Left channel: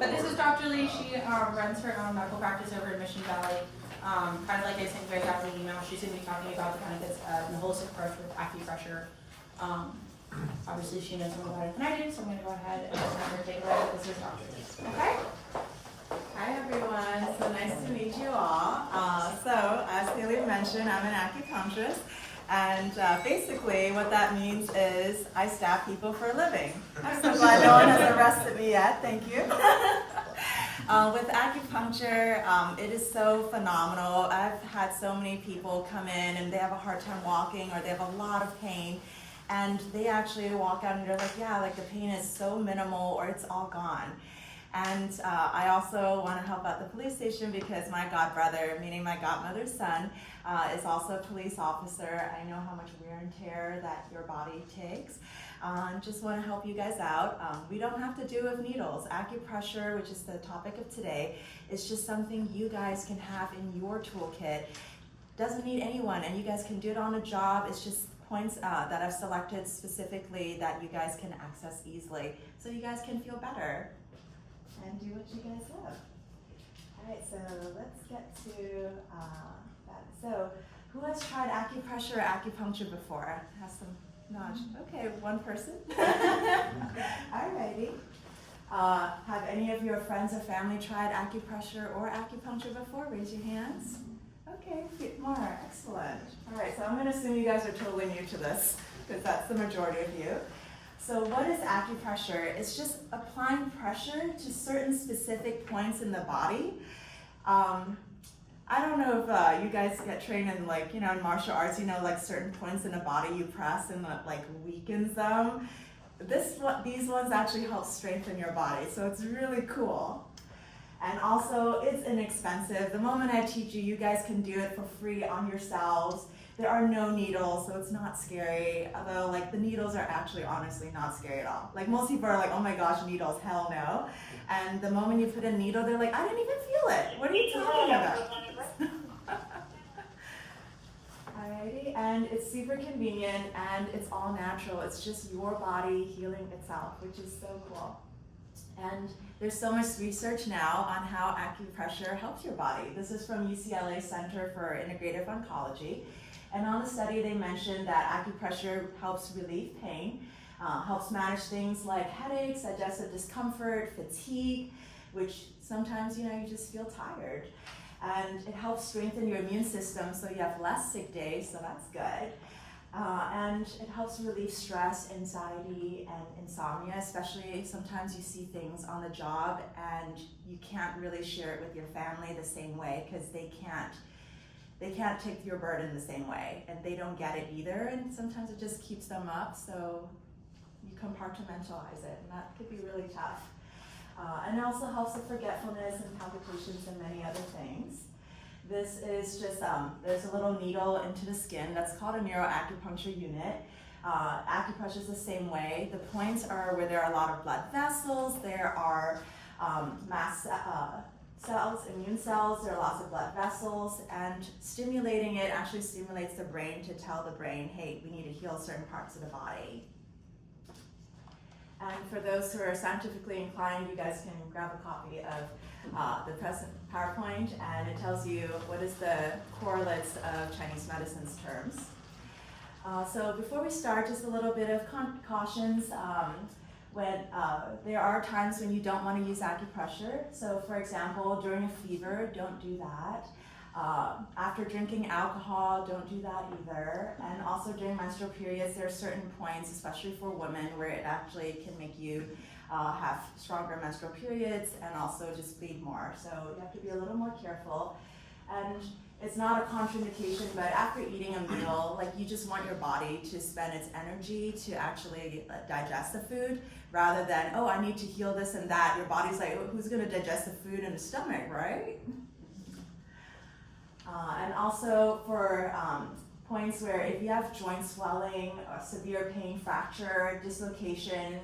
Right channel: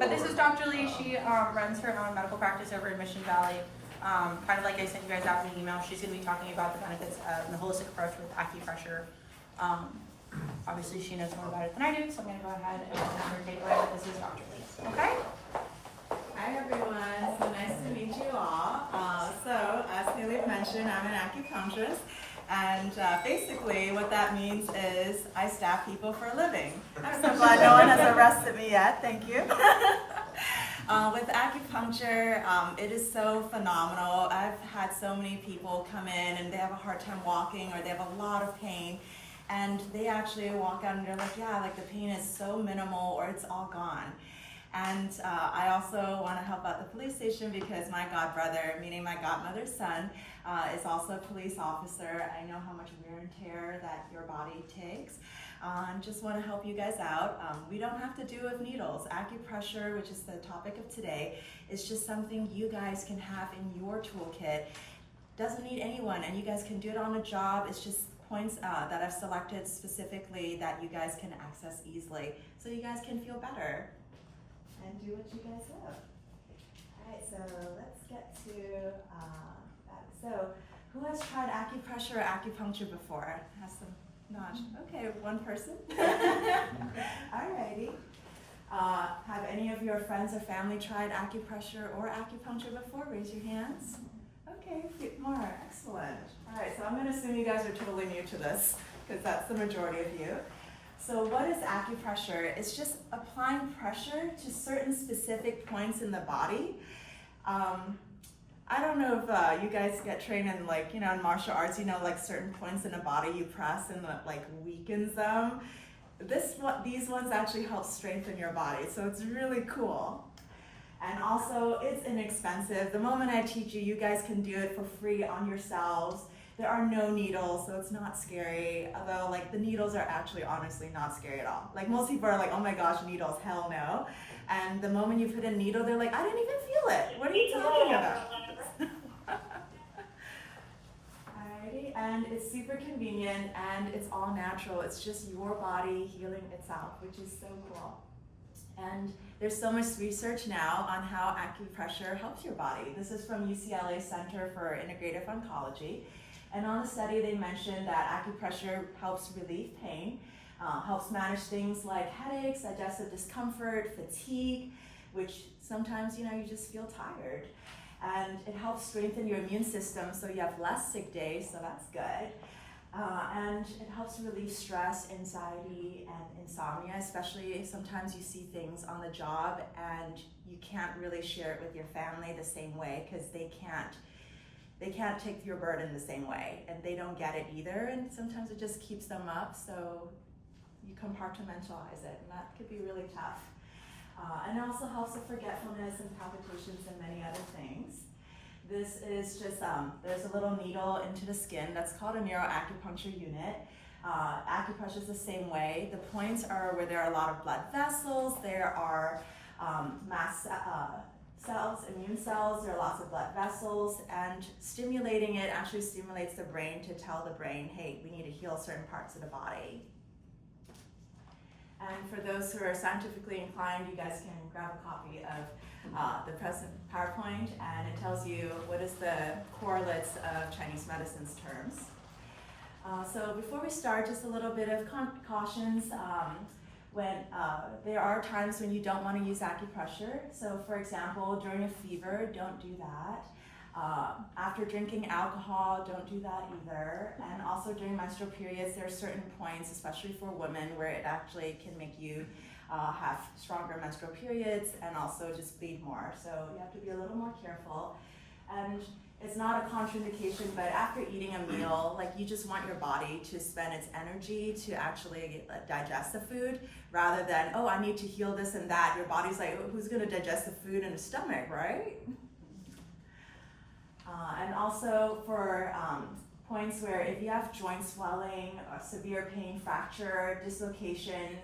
But this is Dr. Lee. She runs her own medical practice over in Mission Valley. Kind of like I sent you guys out in the email, she's going to be talking about the benefits of the holistic approach with acupressure. Obviously, she knows more about it than I do, so I'm going to go ahead and have her take away. This is Dr. Lee. Okay? Hi everyone, so nice to meet you all. So as Haley mentioned, I'm an acupuncturist, and basically what that means is I stab people for a living. I'm so glad no one has arrested me yet, thank you. With acupuncture, it is so phenomenal. I've had so many people come in and they have a hard time walking or they have a lot of pain, and they actually walk out and they're like, yeah, like the pain is so minimal or it's all gone. And I also want to help out the police station because my godbrother, meaning my godmother's son, is also a police officer. I know how much wear and tear that your body takes. Just want to help you guys out. We don't have to do it with needles. Acupressure, which is the topic of today, is just something you guys can have in your toolkit. Doesn't need anyone, and you guys can do it on a job. It's just points that I've selected specifically that you guys can access easily, so you guys can feel better and do what you guys love. All right, so let's get to that. So who has tried acupressure or acupuncture before? Has some nudge. Okay, one person. All righty. Have any of your friends or family tried acupressure or acupuncture before? Raise your hands. Okay, a few more. Excellent. All right, so I'm going to assume you guys are totally new to this because that's the majority of you. So what is acupressure? It's just applying pressure to certain specific points in the body. I don't know if you guys get trained in in martial arts, like certain points in the body you press and like weakens them. These ones actually help strengthen your body, so it's really cool. And also, it's inexpensive. The moment I teach you, you guys can do it for free on yourselves. There are no needles, so it's not scary. Although, the needles are actually honestly not scary at all. Most people are like, oh my gosh, needles, hell no. And the moment you put a needle, they're like, I didn't even feel it. What are you talking about? Alrighty, and it's super convenient and it's all natural. It's just your body healing itself, which is so cool. And there's so much research now on how acupressure helps your body. This is from UCLA Center for Integrative Oncology. And on the study, they mentioned that acupressure helps relieve pain, helps manage things like headaches, digestive discomfort, fatigue, which sometimes, you just feel tired. And it helps strengthen your immune system so you have less sick days, so that's good. And it helps relieve stress, anxiety, and insomnia, especially sometimes you see things on the job and you can't really share it with your family the same way because they can't take your burden the same way and they don't get it either, and sometimes it just keeps them up, so you compartmentalize it, and that could be really tough. And it also helps with forgetfulness and palpitations and many other things. This is just, there's a little needle into the skin. That's called a neuroacupuncture unit. Acupressure is the same way. The points are where there are a lot of blood vessels, there are mast cells, immune cells, there are lots of blood vessels, and stimulating it actually stimulates the brain to tell the brain, hey, we need to heal certain parts of the body. And for those who are scientifically inclined, you guys can grab a copy of the present PowerPoint, and it tells you what is the correlates of Chinese medicine's terms. So before we start, just a little bit of cautions. When there are times when you don't want to use acupressure. So for example, during a fever, don't do that. After drinking alcohol, don't do that either. And also during menstrual periods, there are certain points, especially for women, where it actually can make you have stronger menstrual periods and also just bleed more. So you have to be a little more careful. And it's not a contraindication, but after eating a meal, you just want your body to spend its energy to actually digest the food, rather than, oh, I need to heal this and that. Your body's like, who's gonna digest the food in the stomach, right? And also for points where if you have joint swelling, severe pain, fracture, dislocation,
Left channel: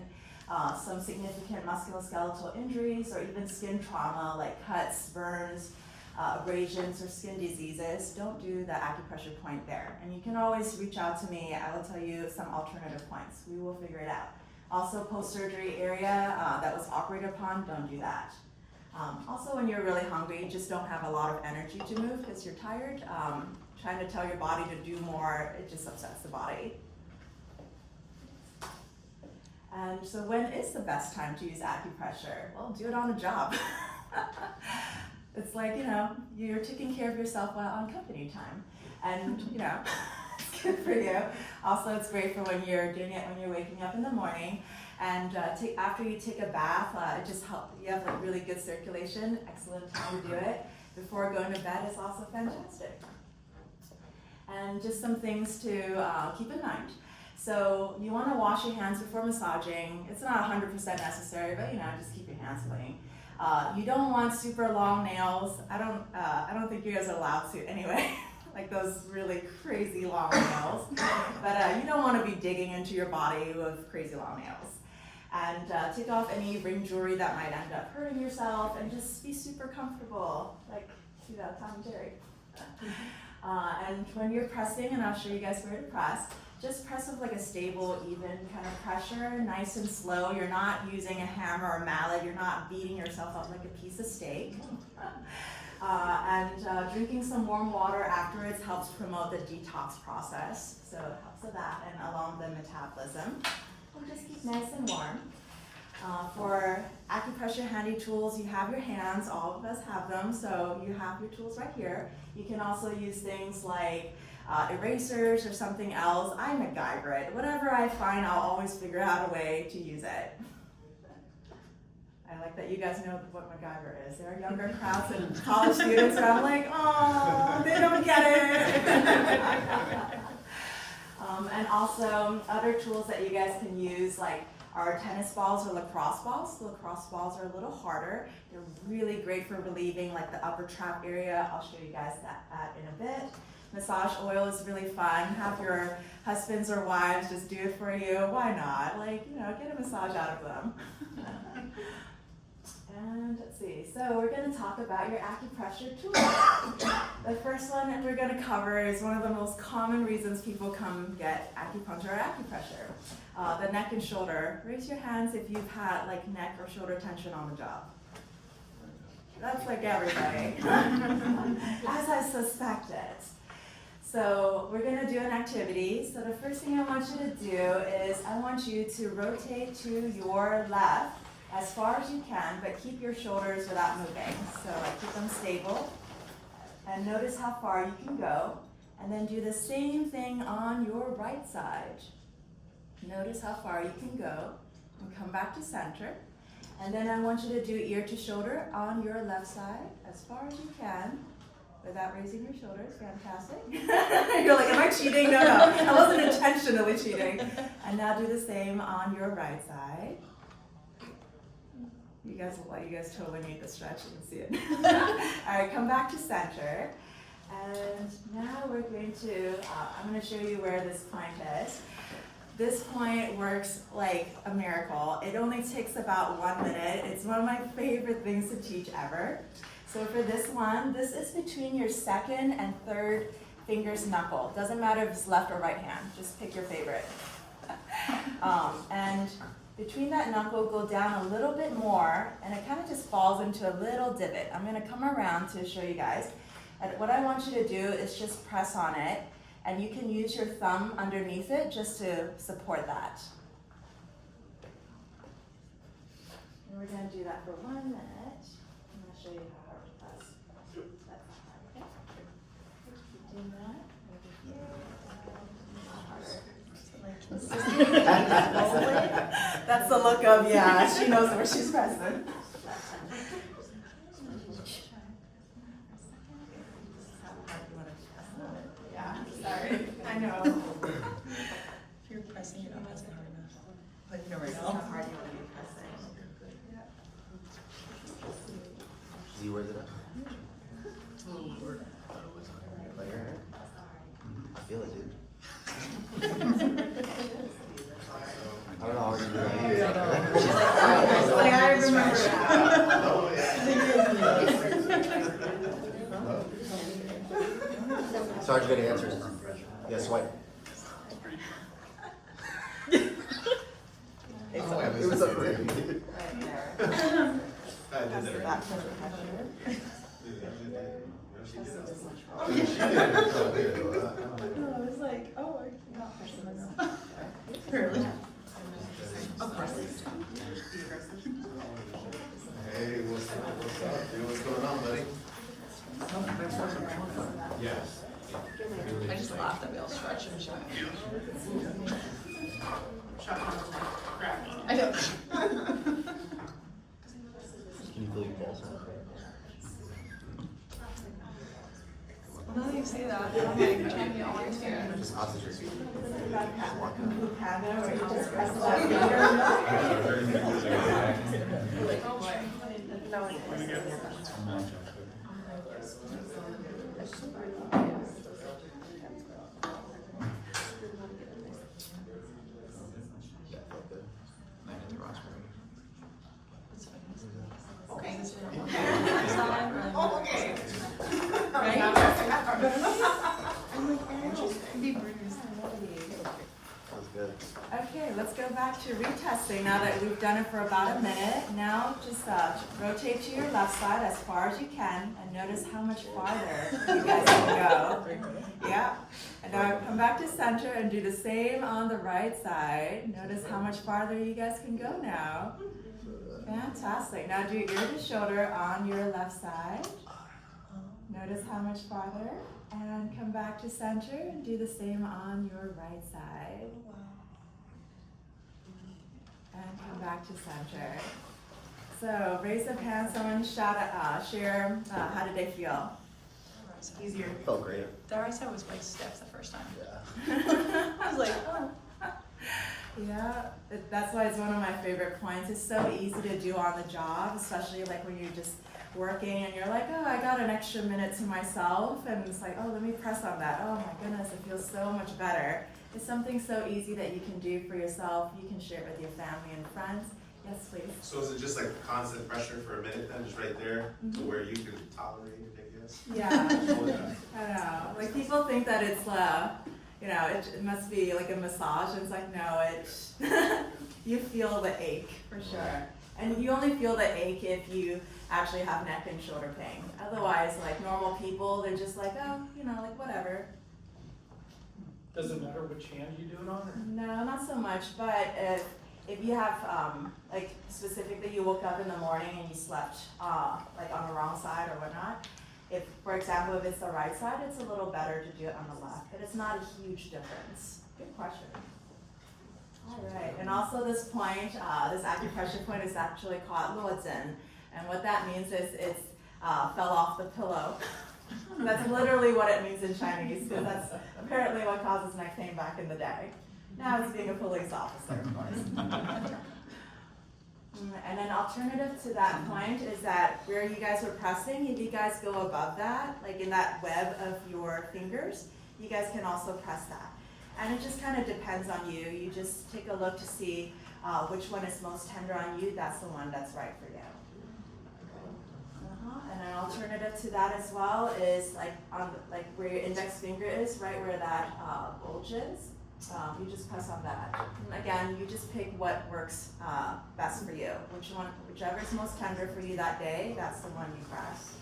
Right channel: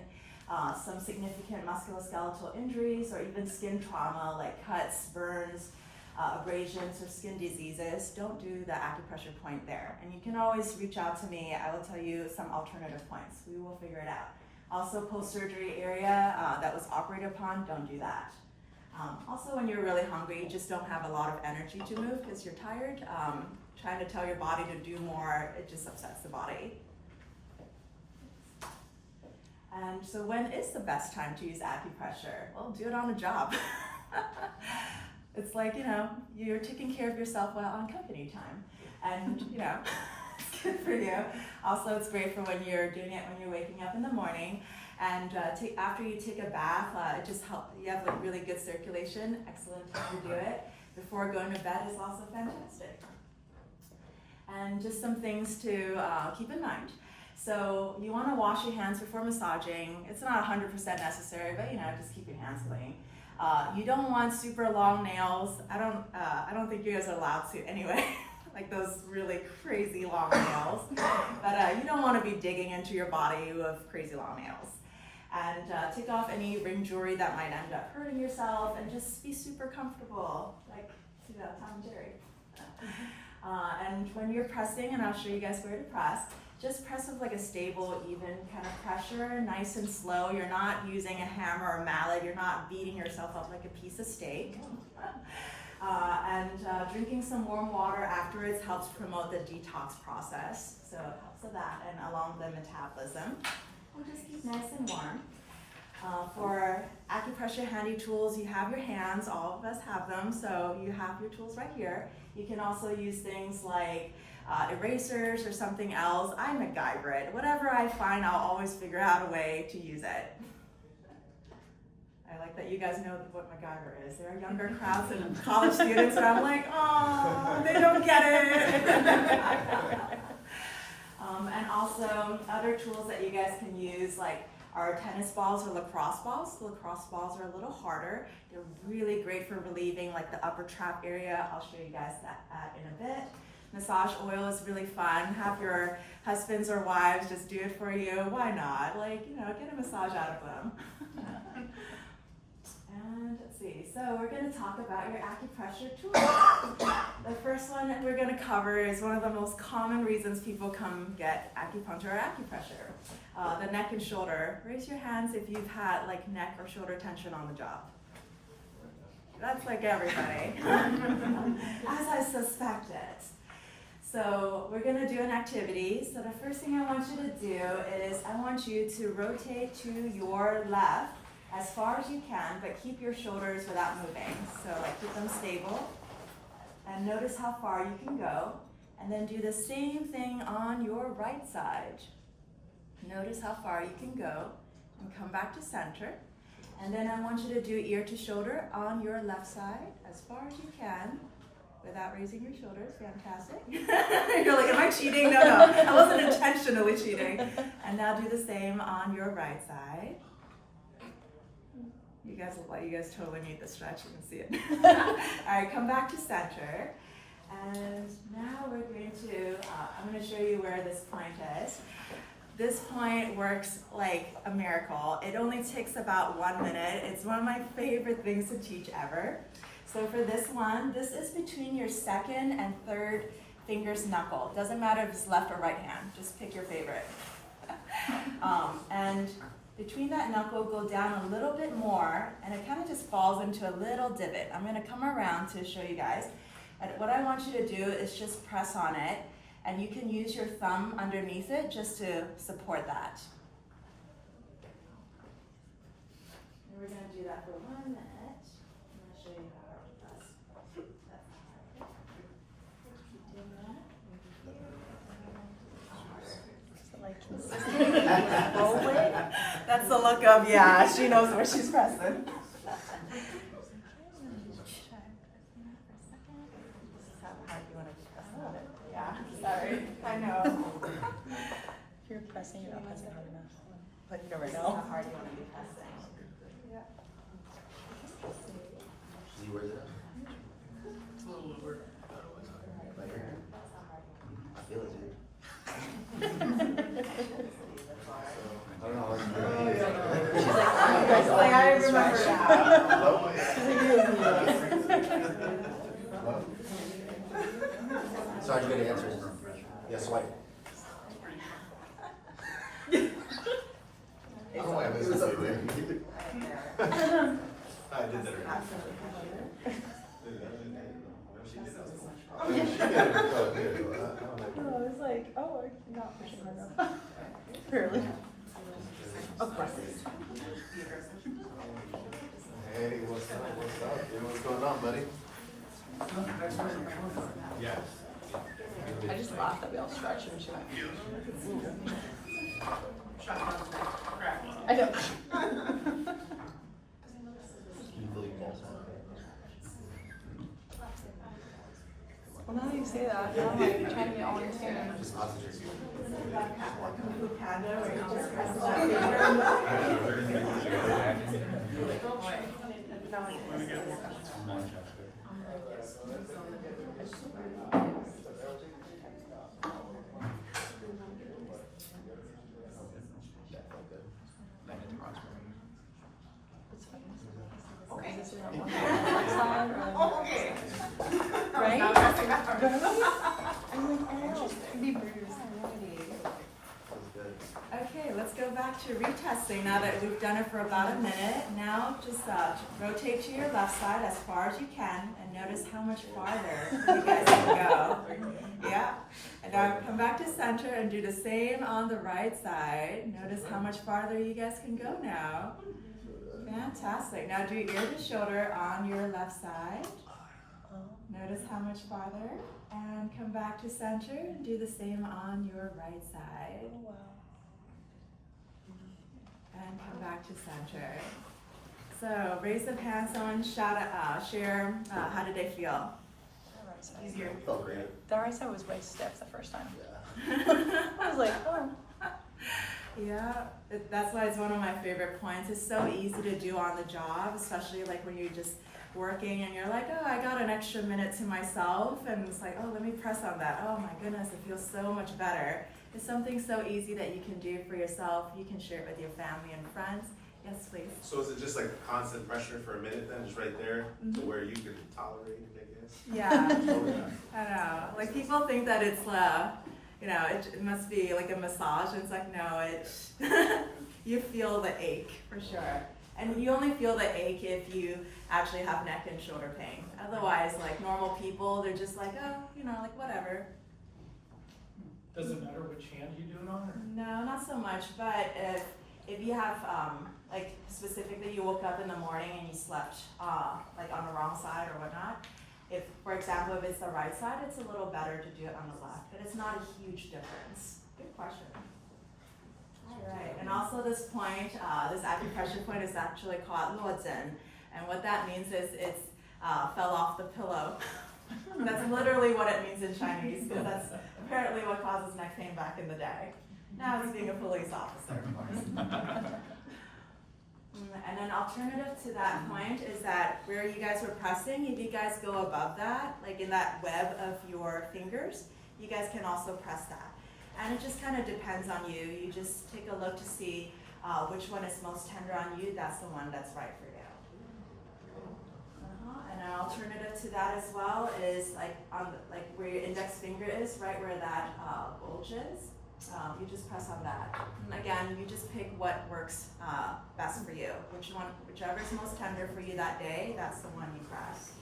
some significant musculoskeletal injuries, or even skin trauma like cuts, burns, abrasions, or skin diseases, don't do the acupressure point there. And you can always reach out to me. I will tell you some alternative points. We will figure it out. Also, post-surgery area that was operated upon, don't do that. Also, when you're really hungry, you just don't have a lot of energy to move because you're tired. Trying to tell your body to do more, it just upsets the body. And so when is the best time to use acupressure? Well, do it on a job. It's like, you're taking care of yourself while on company time. And, it's good for you. Also, it's great for when you're doing it when you're waking up in the morning. And after you take a bath, it just helps. You have like really good circulation. Excellent time to do it. Before going to bed is also fantastic. And just some things to keep in mind. So you want to wash your hands before massaging. It's not 100% necessary, but just keep your hands clean. You don't want super long nails. I don't think you guys are allowed to anyway. Like those really crazy long nails. But you don't want to be digging into your body with crazy long nails. And take off any ring jewelry that might end up hurting yourself, and just be super comfortable. Like, see that Tom and Jerry. And when you're pressing, and I'll show you guys where to press, just press with like a stable, even kind of pressure, nice and slow. You're not using a hammer or mallet. You're not beating yourself up like a piece of steak. And drinking some warm water afterwards helps promote the detox process. So it helps with that and along the metabolism. And just keep nice and warm. For acupressure handy tools, you have your hands. All of us have them, so you have your tools right here. You can also use things like erasers or something else. I MacGyver it. Whatever I find, I'll always figure out a way to use it. I like that you guys know what MacGyver is. There are younger crowds and college students, and I'm like, oh, they don't get it. And also other tools that you guys can use, like our tennis balls or lacrosse balls. The lacrosse balls are a little harder. They're really great for relieving like the upper trap area. I'll show you guys that in a bit. Massage oil is really fun. Have your husbands or wives just do it for you. Why not? Like, get a massage out of them. And let's see, so we're going to talk about your acupressure tools. The first one that we're going to cover is one of the most common reasons people come get acupuncture or acupressure. The neck and shoulder. Raise your hands if you've had like neck or shoulder tension on the job. That's like everybody, as I suspected. So we're going to do an activity. So the first thing I want you to do is I want you to rotate to your left as far as you can, but keep your shoulders without moving. So like keep them stable. And notice how far you can go. And then do the same thing on your right side. Notice how far you can go. And come back to center. And then I want you to do ear to shoulder on your left side as far as you can without raising your shoulders. Fantastic. You're like, am I cheating? No, I wasn't intentionally cheating. And now do the same on your right side. You guys look like you guys totally need the stretch. You can see it. All right, come back to center. And now we're going to, I'm going to show you where this point is. This point works like a miracle. It only takes about 1 minute. It's one of my favorite things to teach ever. So for this one, this is between your second and third finger's knuckle. Doesn't matter if it's left or right hand. Just pick your favorite. And between that knuckle, go down a little bit more, and it kind of just falls into a little divot. I'm going to come around to show you guys. And what I want you to do is just press on it, and you can use your thumb underneath it just to support that. And we're going to do that for 1 minute. I'm going to show you how hard to press. That's not hard. Okay. Keep doing that. That's the look of, yeah, she knows where she's pressing. Yeah, sorry, I know. You're pressing it on my second. This is how hard you want to be pressing. Yeah. See where the I feel it, dude. I remember that. Oh, yeah. back to the pressure. Oh, yeah, she did it so good. No, it's like, oh, not Hey, what's up? What's up? Dude, what's going on, buddy? Yes. I just laughed at Bill stretching and showing. I know. Well, now that you say that, I'm like trying to get all understand. Okay. Oh, okay. Okay, let's go back to retesting now that we've done it for about a minute. Now just rotate to your left side as far as you can and notice how much farther you guys can go. Yeah. And now come back to center and do the same on the right side. Notice how much farther you guys can go now. Fantastic. Now do ear to shoulder on your left side. Notice how much farther. And come back to center and do the same on your right side. And come back to center. So raise of hands, someone share how did they feel? It's easier. Felt great. That right side was way stiff the first time. I was like, oh. Yeah, that's why it's one of my favorite points. It's so easy to do on the job, especially like when you're just working and you're like, oh, I got an extra minute to myself, and it's like, oh, let me press on that. Oh my goodness, it feels so much better. It's something so easy that you can do for yourself. You can share it with your family and friends. Yes, please. So is it just like constant pressure for a minute then, just right there, to where you can tolerate it, I guess? Yeah, I know. Like people think that it's, you know, it must be like a massage, and it's like, no, it's, you feel the ache for sure. And you only feel the ache if you actually have neck and shoulder pain. Otherwise, like normal people, they're just like, oh, you know, like whatever. Does it matter which hand you do it on? Or? No, not so much, but if you have, like specifically you woke up in the morning and you slept like on the wrong side or whatnot, if, for example, if it's the right side, it's a little better to do it on the left, but it's not a huge difference. Good question. All right, and also this point, this acupressure point is actually called luozhen, and what that means is it's fell off the pillow. That's literally what it means in Chinese, because that's apparently what causes neck pain back in the day. Now it's being a police officer, of course. And an alternative to that point is that where you guys were pressing, if you guys go above that, like in that web of your fingers, you guys can also press that. And it just kind of depends on you. You just take a look to see which one is most tender on you. That's the one that's right for you. And an alternative to that as well is like on the, like where your index finger is, right where that bulge is. You just press on that. And again, you just pick what works best for you. Whichever is most tender for you that day, that's the one you press.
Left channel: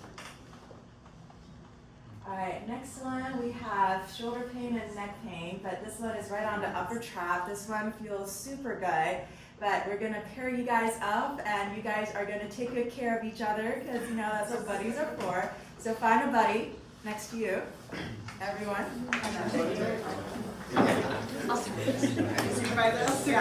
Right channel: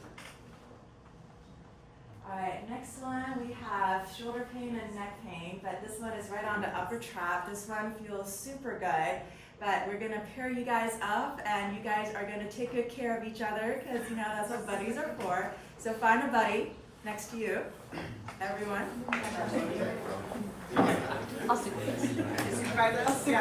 All right, next one we have shoulder pain and neck pain, but this one is right on the upper trap. This one feels super good, but we're gonna pair you guys up and you guys are gonna take good care of each other because you know that's what buddies are for. So find a buddy next to you, everyone. I'll see this. Supervise You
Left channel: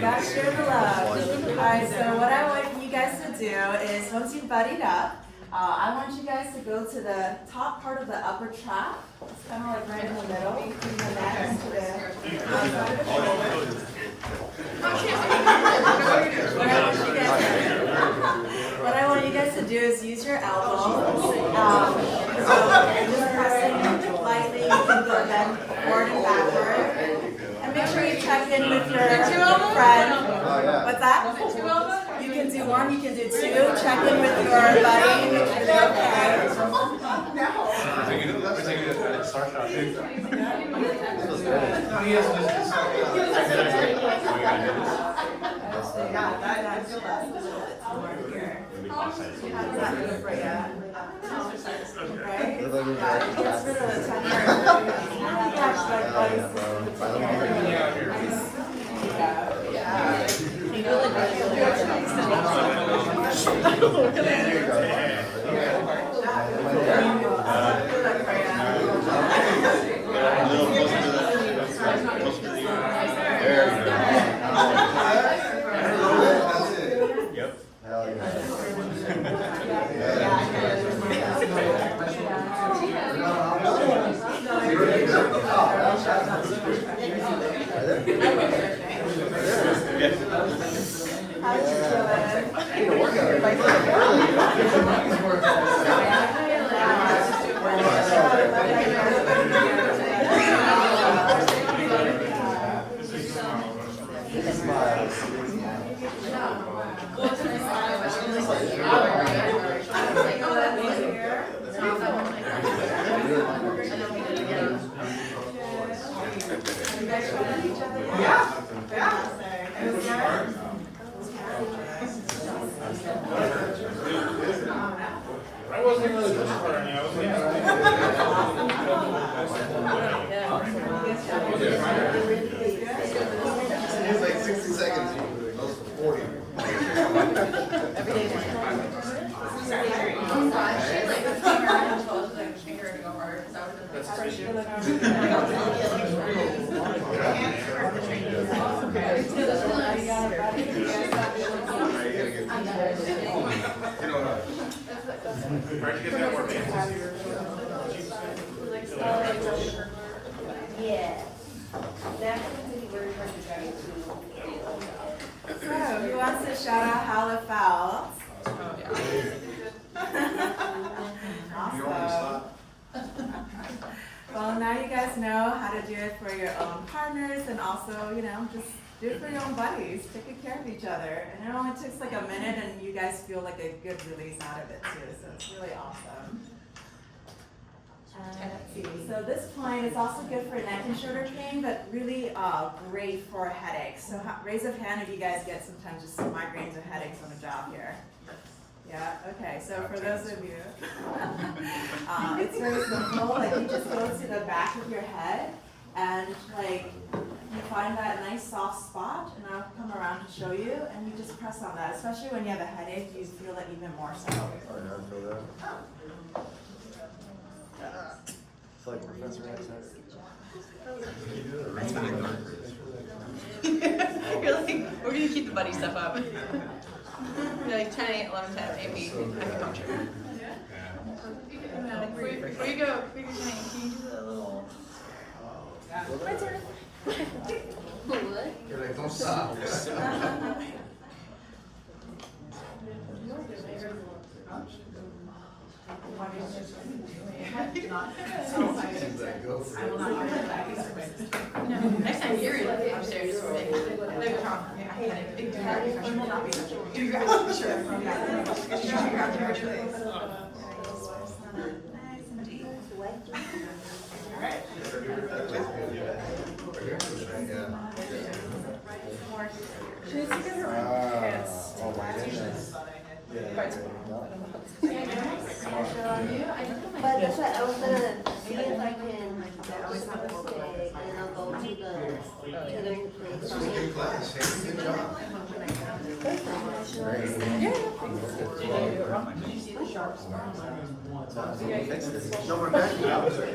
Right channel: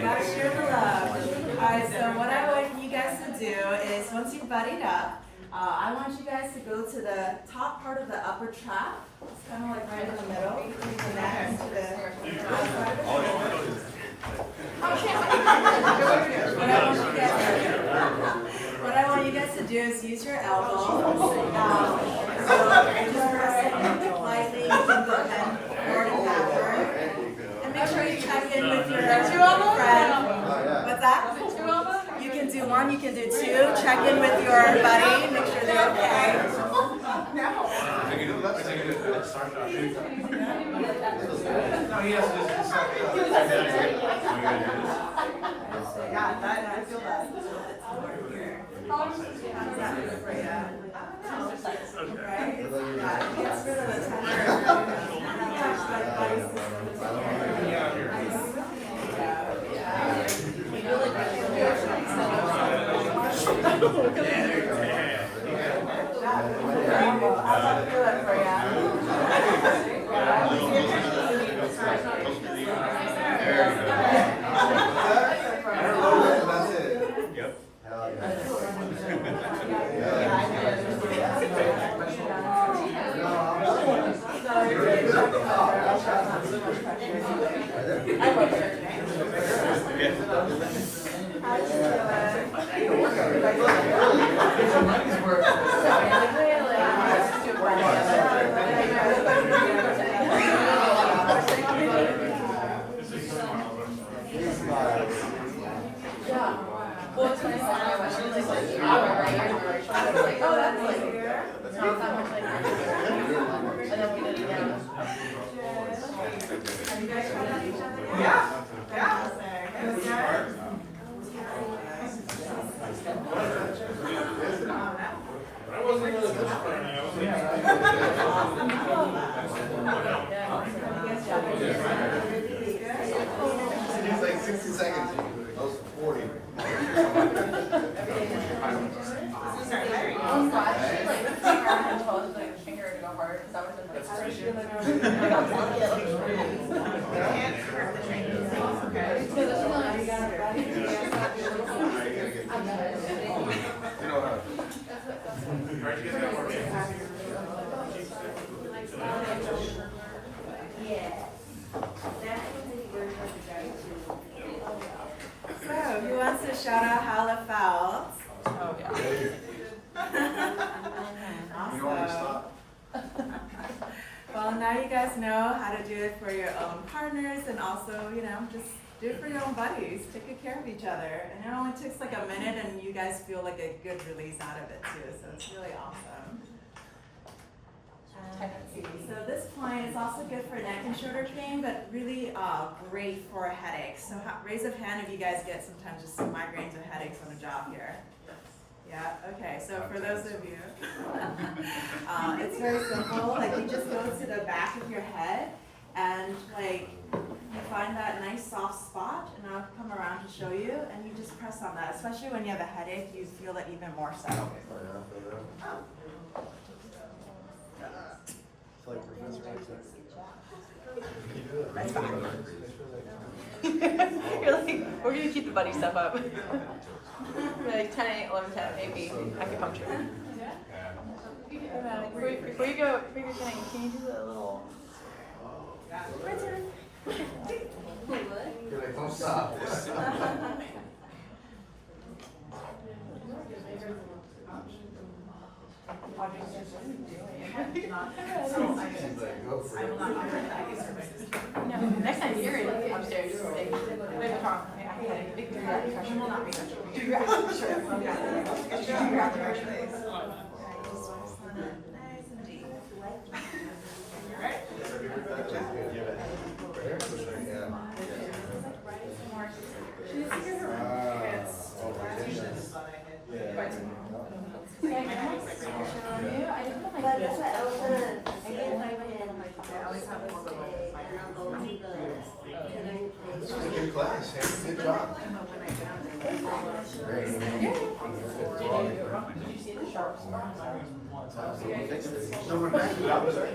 gotta share the love. Alright, so what I want you guys to do is once you've buddied up, I want you guys to go to the top part of the upper trap. It's kind of like right in the middle between the neck and to the outside of the shoulder. What I want you guys to do is use your elbow. So just pressing lightly, you can go bend forward and backward. And make sure you check in with your friend. What's that? You can do one, you can do two. Check in with your buddy, make sure they're okay. feel that a little bit more here. How does that feel for you? I don't know. Right? Yeah, it gets rid of the tension. You have like body system together. Yeah. I'll feel that for you. That's it. Yep. Hell yeah. How does it It was like 60 seconds. I was 40. So, who wants to shout out how it felt? Awesome. Well, now you guys know how to do it for your own partners and also, just do it for your own buddies. Take good care of each other. And it only takes like a minute and you guys feel like a good release out of it too. So it's really awesome. Let's see. So this point is also good for neck and shoulder pain, but really great for headaches. So raise of hand if you guys get sometimes just some migraines or headaches on the job here. Yeah, okay, so for those of you, it's very simple. Like you just go to the back of your head and like you find that nice soft spot, and I'll come around to show you, and you just press on that. Especially when you have a headache, you feel it even more so. You're like, we're gonna keep the buddy stuff up. You're like 10, 8, 11, 10, maybe acupuncture. Before you go, can you do a little? Don't stop. I will not offer that. Next time you're upstairs, it's big. We will not be. Nice and deep. But that's what I was gonna see if I can, I always have a little bit, and then go to the place. Good class. Good job. No, we're back to the opposite.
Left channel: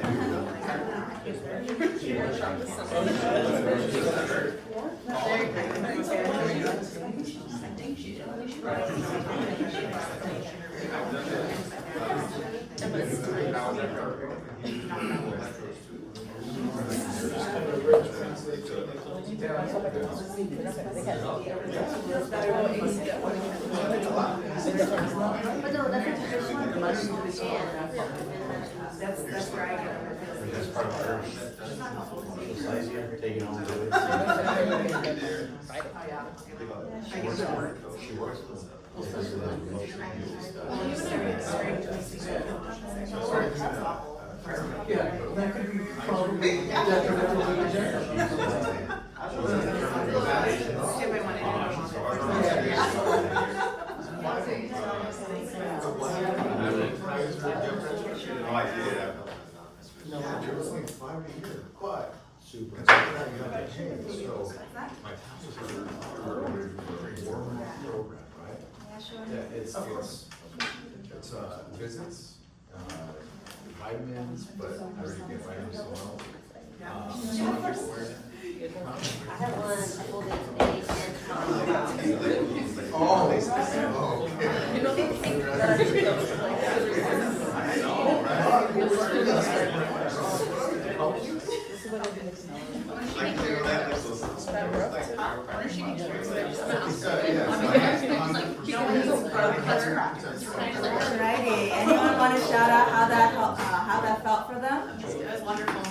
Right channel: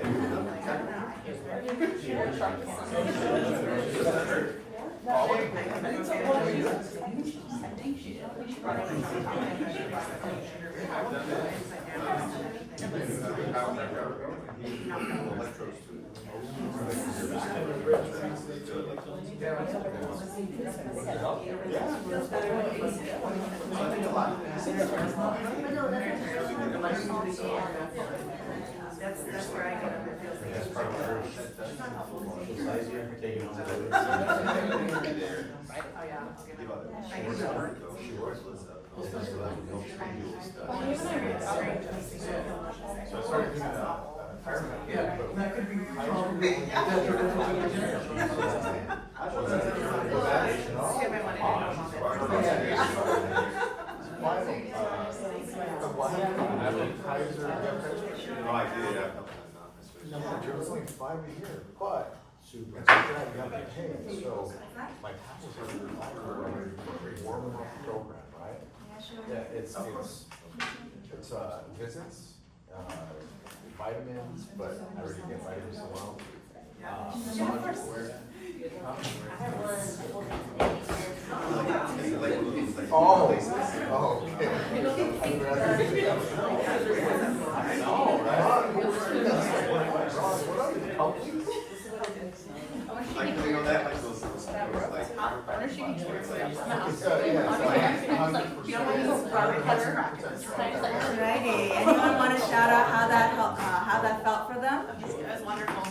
That's where I get them. Yeah, that could be probably detrimental to the general. I did. There was like 5 a year, but. Super. And so that you have to change, so my taxes are already for a great program, right? Yeah, it's visits, vitamins, but I already get vitamins as well. Like, they go that, like, those, Alrighty, anyone want to shout out how that felt for them? It was wonderful.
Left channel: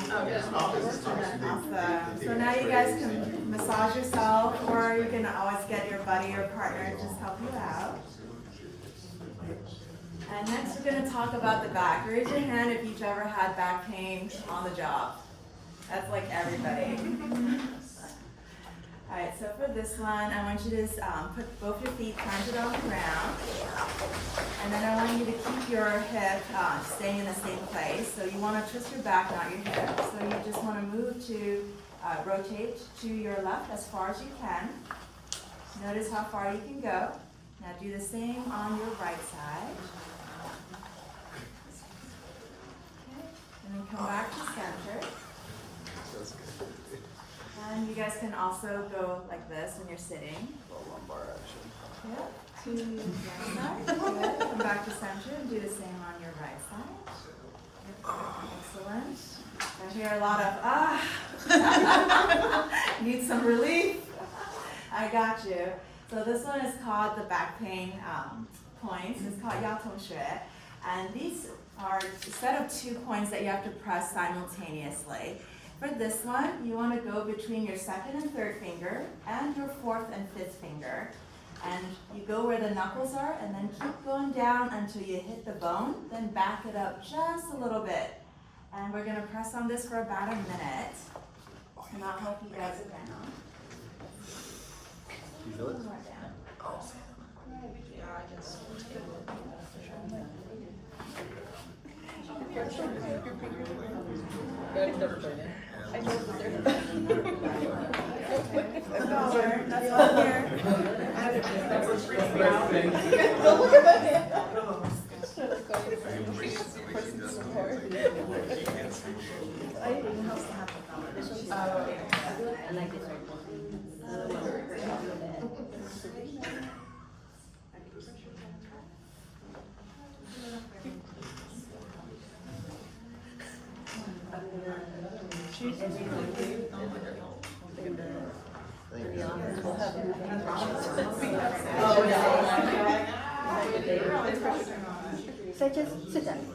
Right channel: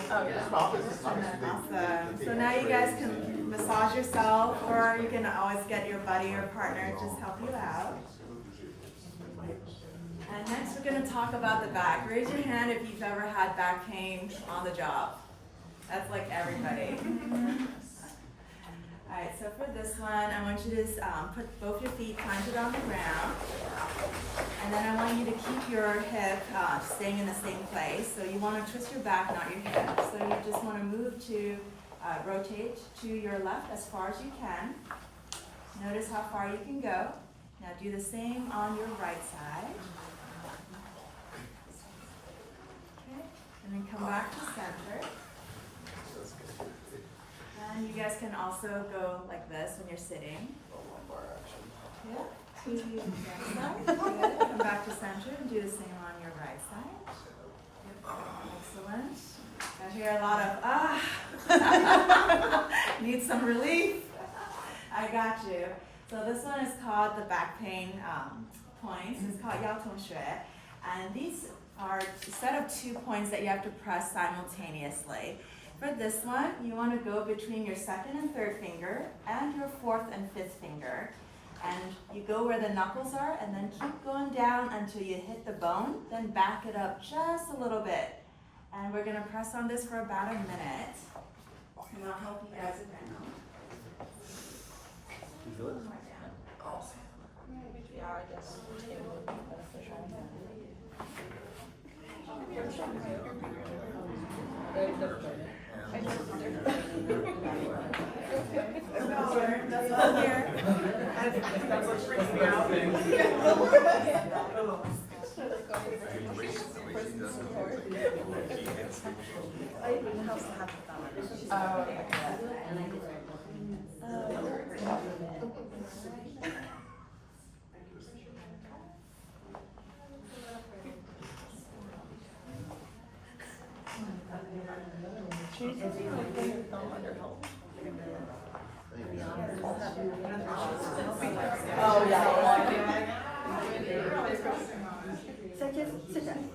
Awesome. So now you guys can massage yourself, or you can always get your buddy or partner to just help you out. And next we're going to talk about the back. Raise your hand if you've ever had back pain on the job. That's like everybody. Alright, so for this one, I want you to put both your feet planted on the ground. And then I want you to keep your hip staying in the same place. So you want to twist your back, not your hip. So you just want to move to, rotate to your left as far as you can. Notice how far you can go. Now do the same on your right side. Okay, and then come back to center. And you guys can also go like this when you're sitting. Yeah, to the left side. Good. Come back to center and do the same on your right side. Excellent. I hear a lot of need some relief. I got you. So this one is called the back pain points. It's called 腰痛穴. And these are a set of 2 points that you have to press simultaneously. For this one, you want to go between your second and third finger and your fourth and fifth finger. And you go where the knuckles are and then keep going down until you hit the bone, then back it up just a little bit. And we're going to press on this for about a minute. And I'll help you guys it down. That's all here. That's what's freaking me out. So just sit down.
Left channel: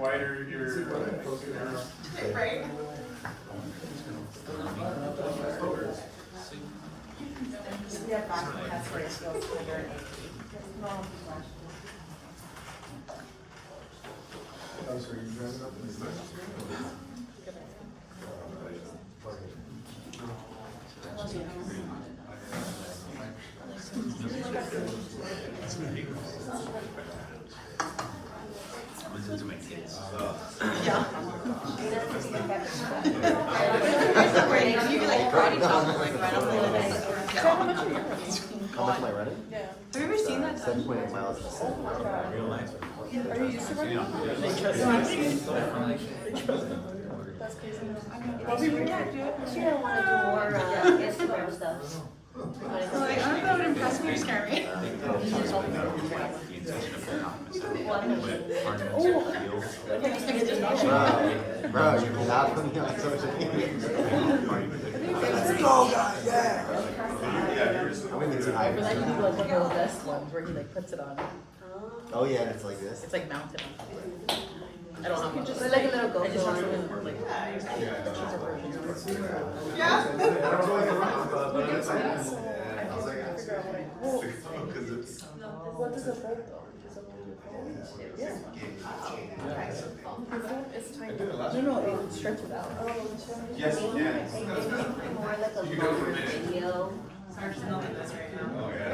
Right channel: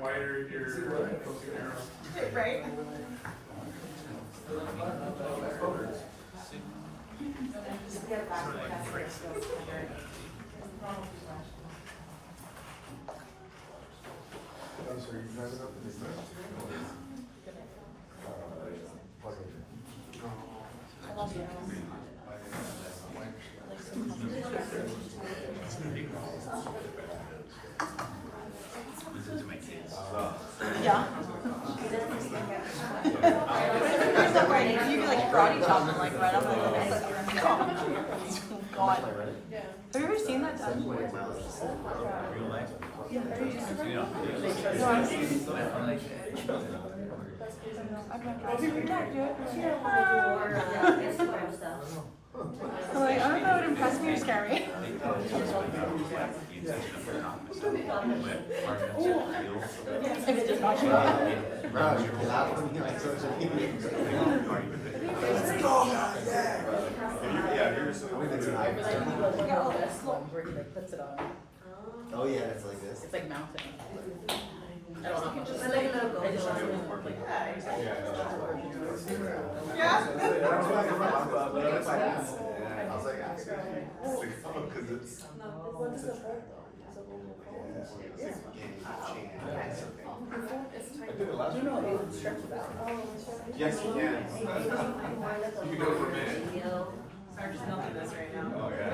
Wider your. Right? Yeah. You can like karate chop like right on the leg. Have you ever seen that done? You don't want to do more Instagram stuff. Like, I don't know what impressed me or scared me. Where he like puts it on. Oh, yeah, it's like this. It's like mounted. I It's don't know. like a little goat. Yeah. No, it stretches out. Yes, you can. You can do it for a minute. Sorry, she's not doing this right now. Oh, yeah.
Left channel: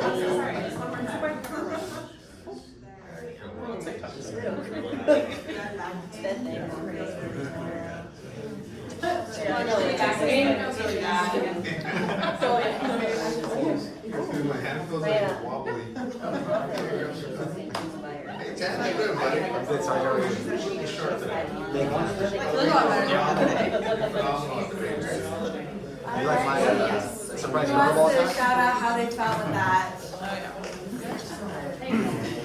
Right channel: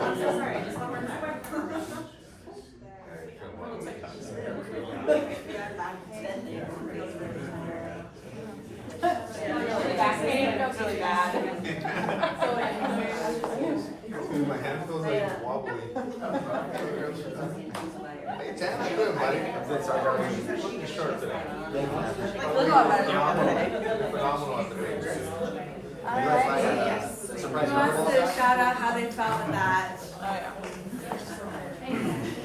I'm so sorry. I just want more time. Dude, my hand feels like it's wobbly. Hey, Jen, how you doing, buddy? It's like always looking sharp today. Phenomenal at the range. Who wants to shout out how they felt with that?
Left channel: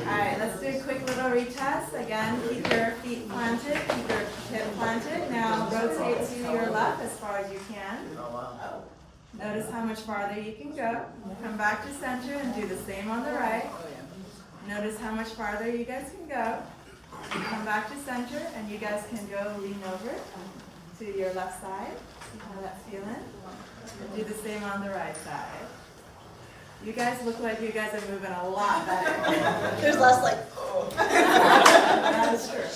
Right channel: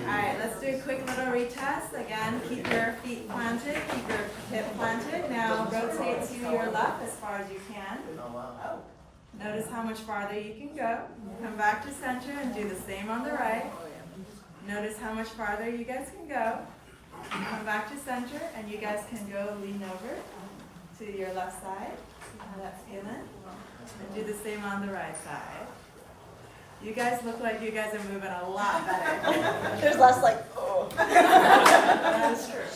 Alright, let's do a quick little retest. Again, keep your feet planted, keep your hip planted. Now rotate to your left as far as you can. Notice how much farther you can go. Come back to center and do the same on the right. Notice how much farther you guys can go. Come back to center and you guys can go lean over to your left side. See how that's feeling? And do the same on the right side. You guys look like you guys are moving a lot better. There's less like, That's true.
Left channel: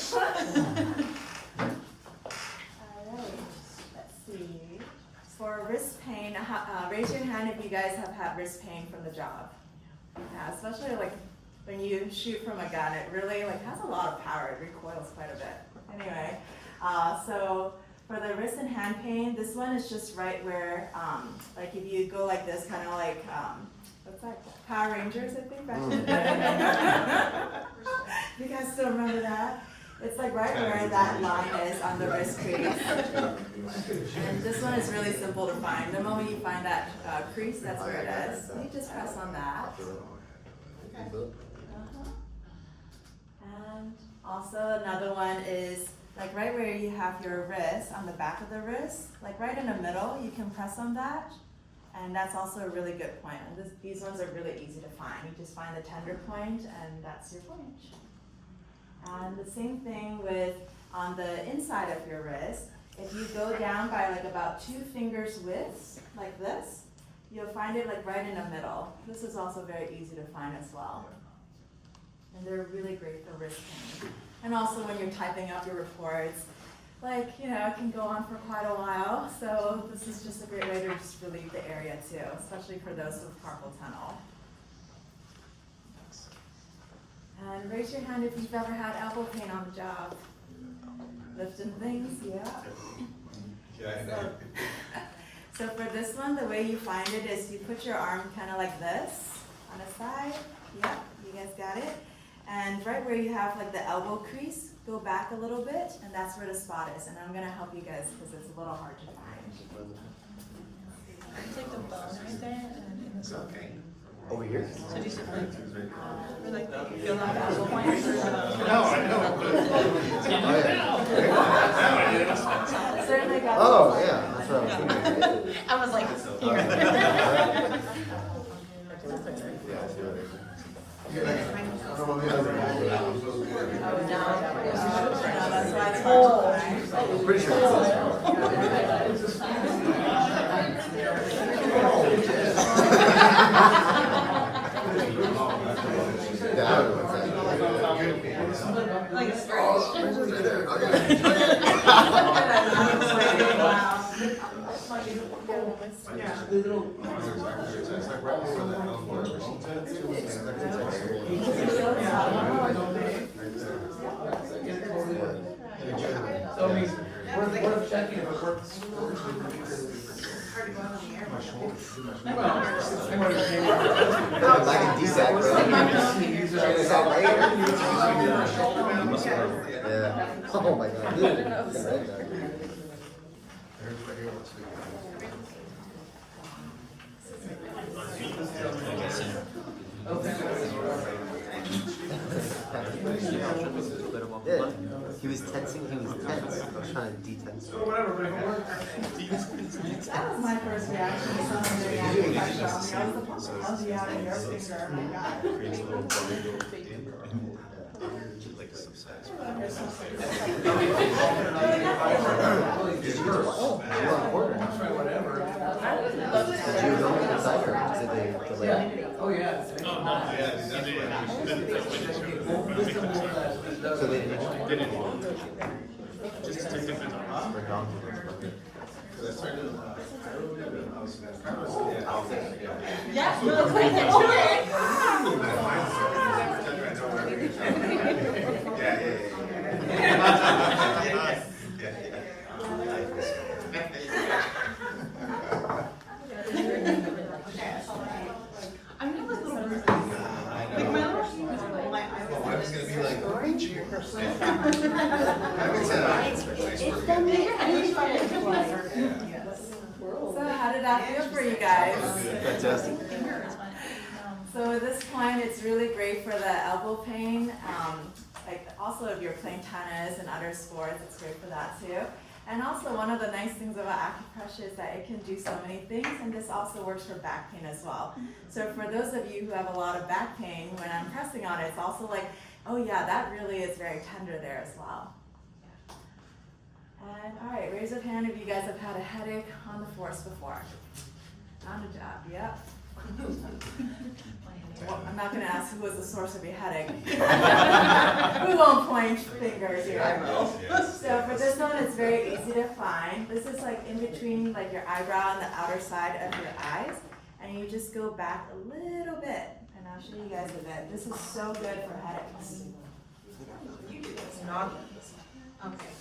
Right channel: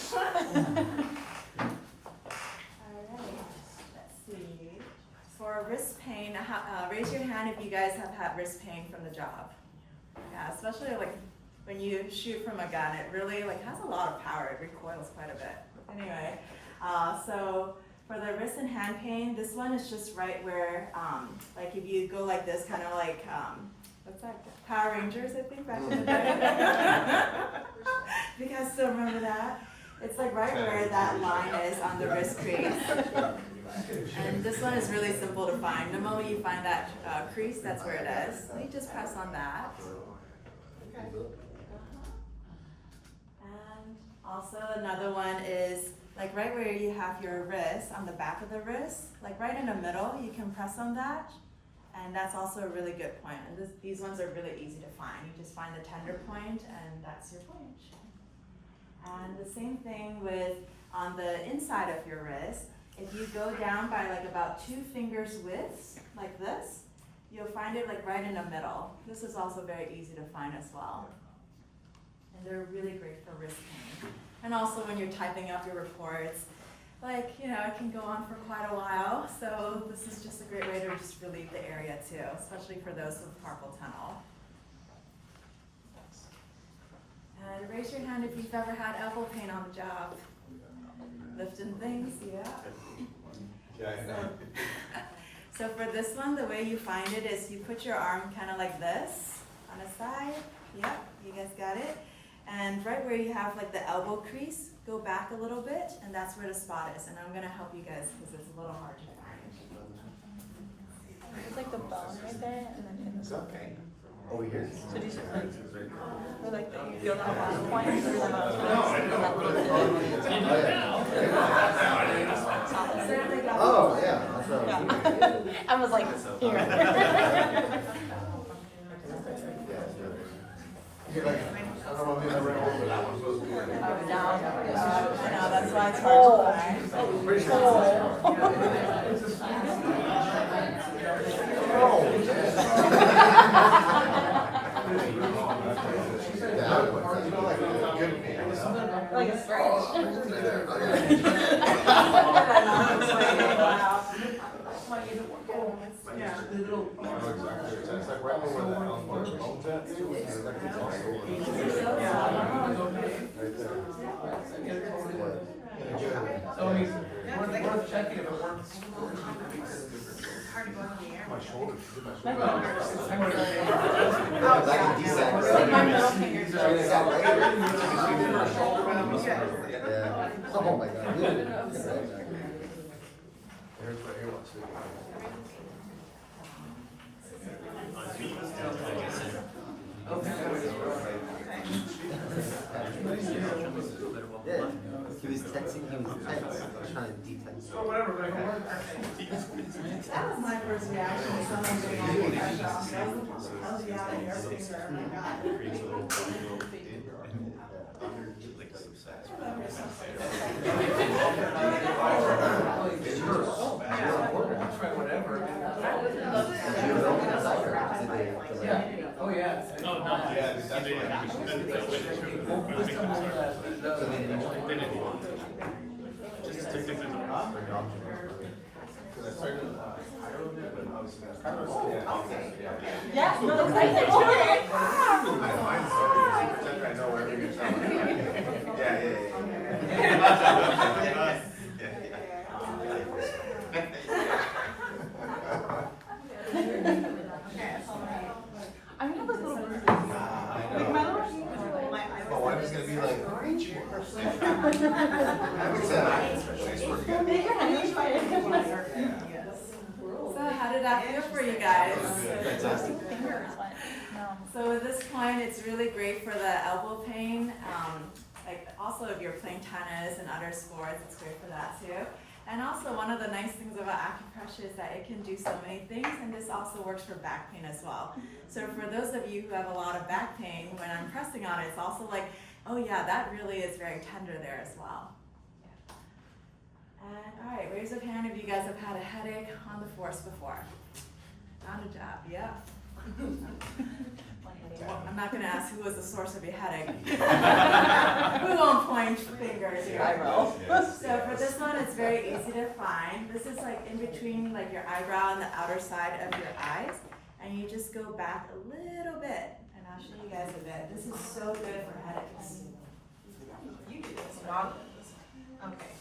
Alright, let's see. For wrist pain, raise your hand if you guys have had wrist pain from the job. Yeah, especially like when you shoot from a gun, it really like has a lot of power. It recoils quite a bit. Anyway, so for the wrist and hand pain, this one is just right where, like if you go like this, kind of like, what's that? Power Rangers, I think, back in the day. You guys still remember that? It's like right where that line is on the wrist crease. And this one is really simple to find. The moment you find that crease, that's where it is. So you just press on that. And also another one is like right where you have your wrist, on the back of the wrist, like right in the middle, you can press on that. And that's also a really good point. And these ones are really easy to find. You just find the tender point and that's your point. And the same thing with on the inside of your wrist. If you go down by like about 2 fingers width, like this, you'll find it like right in the middle. This is also very easy to find as well. And they're really great for wrist pain. And also when you're typing up your reports, like, you know, it can go on for quite a while. So this is just a great way to just relieve the area too, especially for those with carpal tunnel. And raise your hand if you've ever had elbow pain on the job. Lifting things, yeah. So for this one, the way you find it is you put your arm kind of like this on the side. Yep, you guys got it. And right where you have like the elbow crease, go back a little bit, and that's where the spot is. And I'm gonna help you guys because it's a little hard to find. take the ball right there and It's okay. Over here. so do you like, No, I know. Certainly got it. Oh, yeah. That's right. I was like, here. I don't know if you ever know, but that one's supposed to be like. That's why it's Like a stretch. We're checking if it works. My shoulders. Oh my God. Yeah, he was tensing, he was tense, trying to detense. So whatever, but That was my first reaction to someone being how's the eye in your finger? Oh my Try whatever. that's So they didn't. Just to take different times. Because I started, Yeah, no, it's like, oh, I know where everything's going. Yeah. I'm gonna look a little bit. Oh, I'm just gonna be like, So how did that feel for you guys? So at this point, it's really great for the elbow pain. Like also if you're playing tennis and other sports, it's great for that too. And also one of the nice things about acupressure is that it can do so many things, and this also works for back pain as well. So for those of you who have a lot of back pain, when I'm pressing on it, it's also like, oh yeah, that really is very tender there as well. And all right, raise your hand if you guys have had a headache on the force before. On the job, yep. Well, I'm not gonna ask who was the source of your headache. We won't point fingers here. So for this one, it's very easy to find. This is like in between like your eyebrow and the outer side of your eyes. And you just go back a little bit. And I'll show you guys a bit. This is so good for headaches. You do this, not. Okay.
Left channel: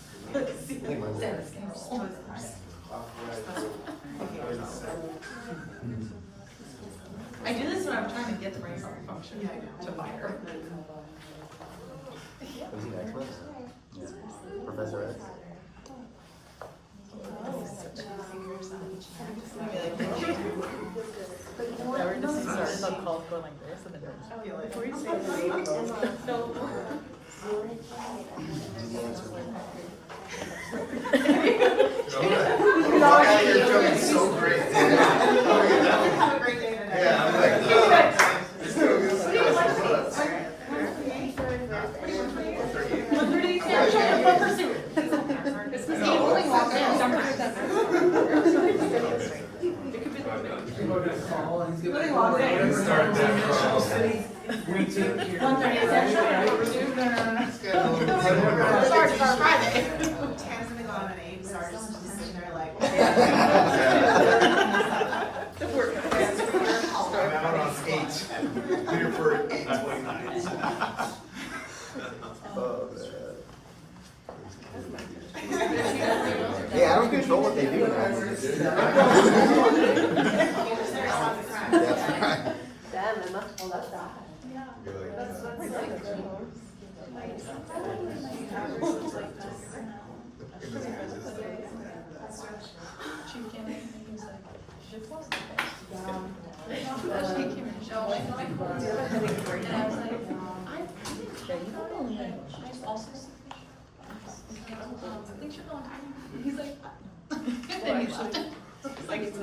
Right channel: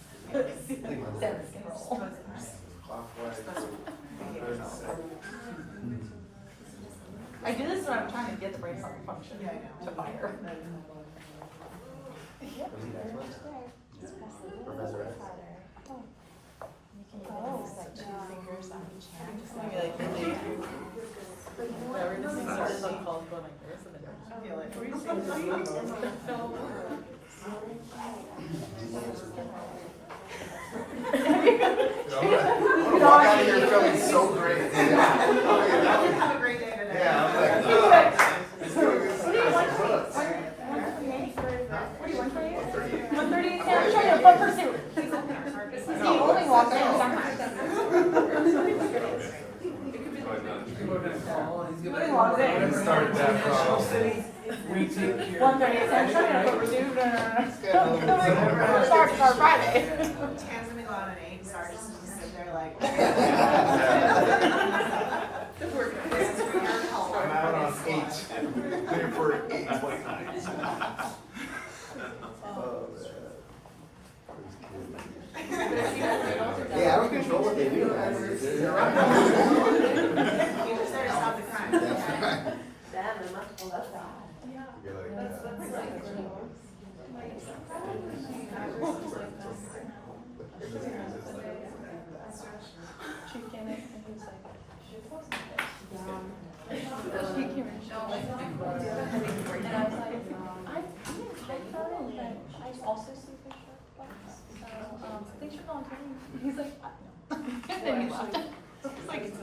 I do this when I'm trying to get the brain function to fire. Was he that close? Professor X? You're feeling so great. Have a great day today. Yeah, I'm like, it's doing this. 1:30, I'm trying to focus here. It's the only walk I have done. Start that from. 1:30, I'm trying to pursue. Sorry, Friday. Hands gonna go on an 8, Sergeant's just sitting there like. I'm out on 8. Clear for 8:29. Yeah, I don't control what they do. Damn, I'm not pulled out that. He's like, and then he left. It's like,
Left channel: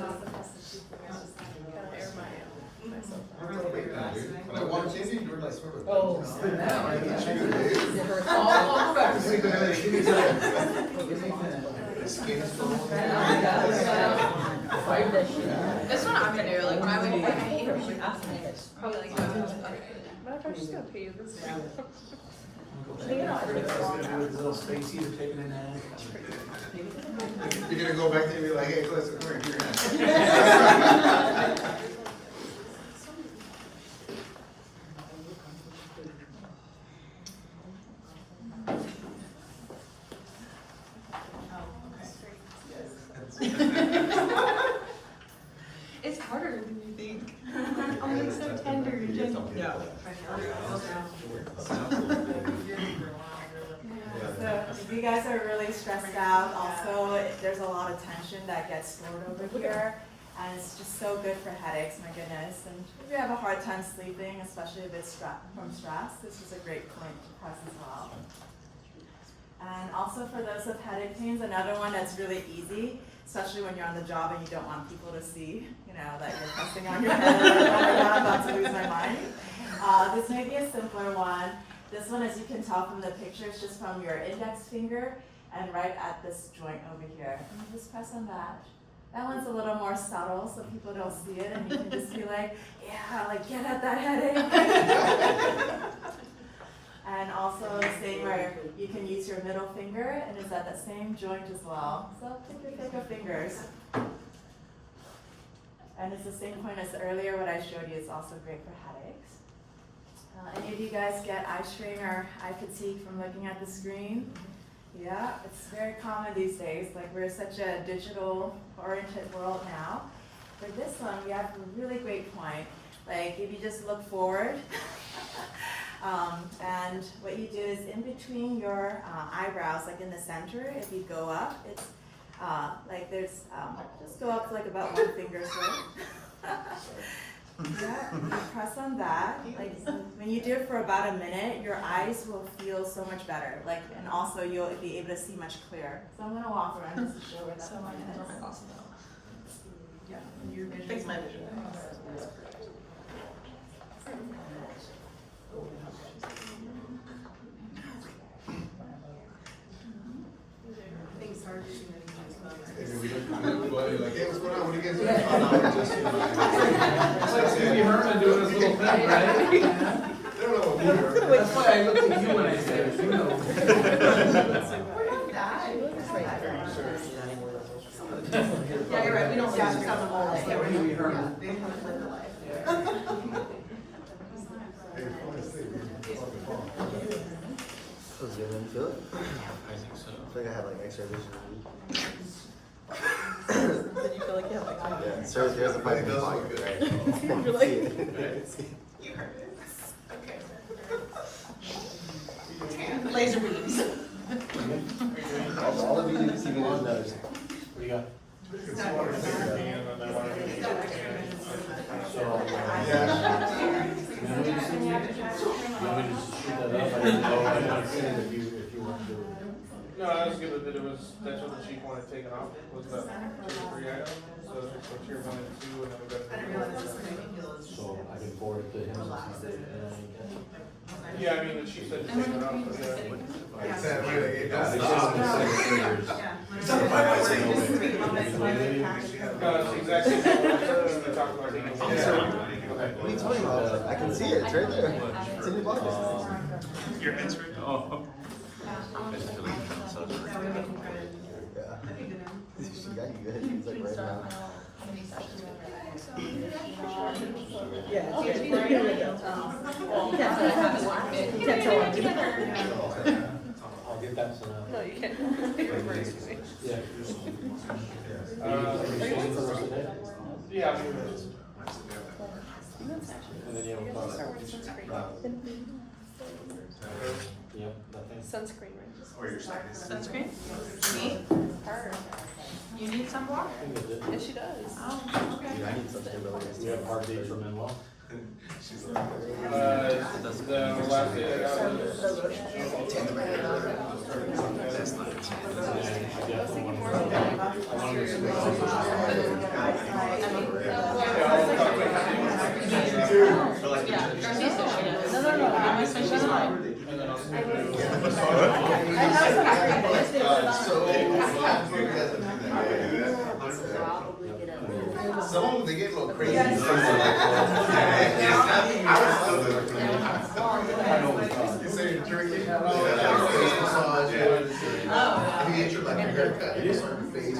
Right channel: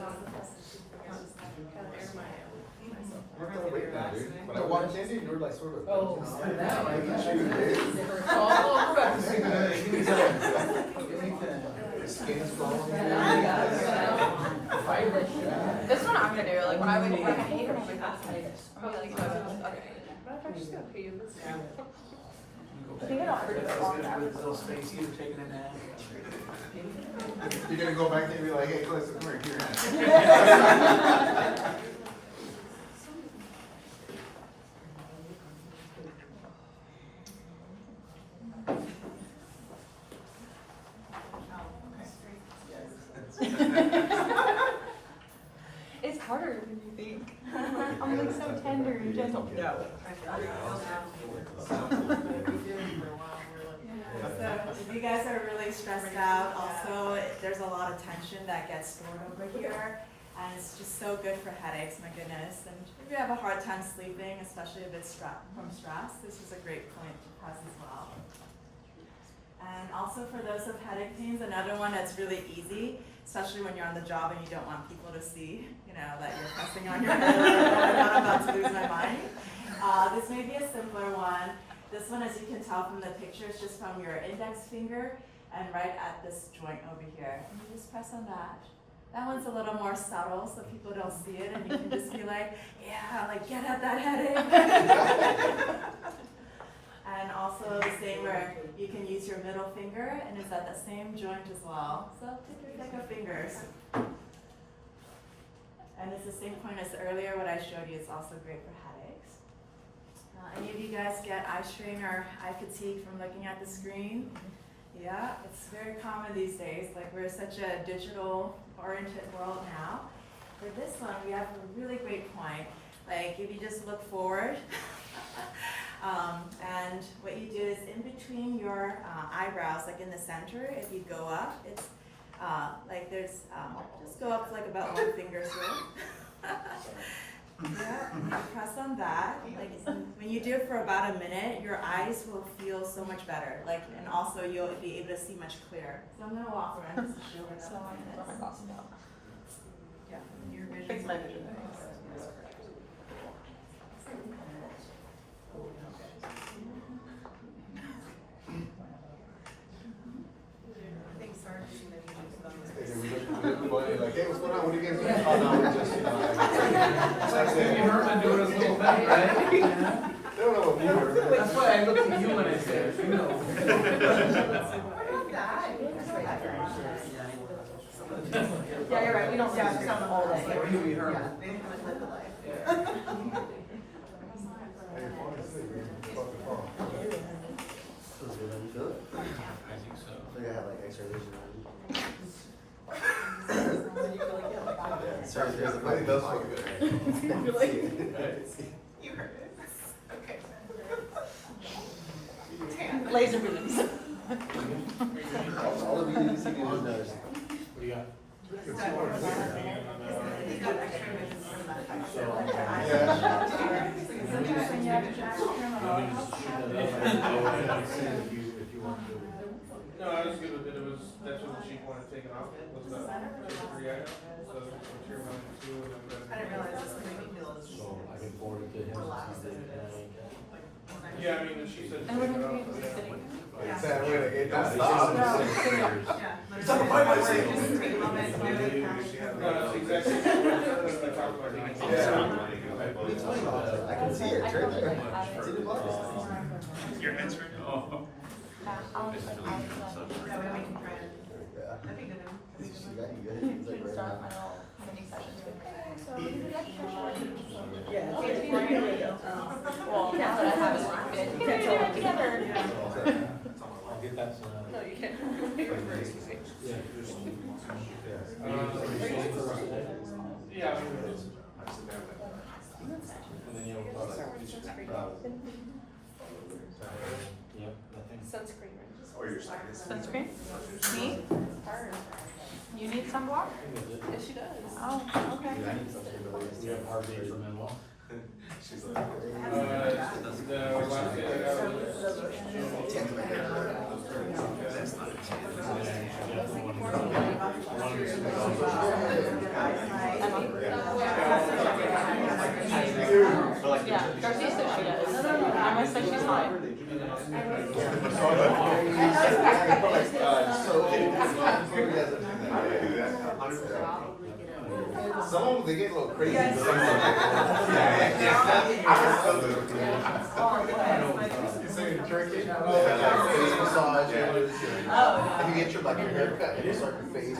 When I walked in, you were like sort of. Oh, so now I The skin's going. this one I'm gonna do, like, when I would, like, I hate her, she's fascinated. Probably like, I'm just gonna pay you this now. Little Stacy was taking a nap. You're gonna go back there and be like, hey, listen, come here, here. It's harder than you think. I'm like so tender and gentle. So if you guys are really stressed out, also there's a lot of tension that gets stored over here, and it's just so good for headaches, my goodness. And if you have a hard time sleeping, especially if it's from stress, this is a great point to press as well. And also for those with headache pains, another one that's really easy, especially when you're on the job and you don't want people to see, that you're pressing on your head, like, oh my God, I'm about to lose my mind. This may be a simpler one. This one, as you can tell from the picture, is just from your index finger and right at this joint over here. And you just press on that. That one's a little more subtle, so people don't see it, and you can just be like, yeah, like get at that headache. And also the same where you can use your middle finger, and it's at the same joint as well. So pick your pick of fingers. And it's the same point as earlier, what I showed you is also great for headaches. Any of you guys get eye strain or eye fatigue from looking at the screen? Yeah, it's very common these days. Like, we're such a digital-oriented world now. For this one, we have a really great point. Like, if you just look forward, and what you do is in between your eyebrows, like in the center, if you go up, it's like there's, just go up like about 1 finger's width. Yeah, you press on that. Like, when you do it for about a minute, your eyes will feel so much better. Like, and also you'll be able to see much clearer. So I'm gonna walk around just to show what that one is. Yeah, your vision. Fix my vision. Like, hey, what's going on? What are you guys doing? Oh, no, we're just, You heard me doing his little thing, right? They don't know what we are. That's why I looked at you when I said it, you know. Yeah, you're right, we don't have some all day. Hey, Feels good when you feel it. I think I have like extra vision. I think it does feel good. Really? You heard it. Okay. Laser beams. All of you see me on those. What do you got? No, I was good with it. It was, that's what the chief wanted taken off. Was that 3 items? So that's what you're going to do, and then we got. I didn't realize this was making me So I can forward it to him. Yeah, I mean, she said to take it off, but yeah. Like I said, wait, like, it does stop. No, that's exactly what we talked about. I can see it, it's right there. It's in your pocket. Your head's right now? Oh. I'll get that. No, you can't. You're very easy. Yeah. Yeah, I mean, And then you'll. Yeah, nothing. Sunscreen, right? Or your sinus. Sunscreen? Me? Her. You need some water? Yeah, she does. Oh, okay. We have hardly for Manuel. She's like. the last day I got That's not it. Some of them, they get a little crazy. You say turkey? Face massages. I mean, it's like your haircut, it's like your face.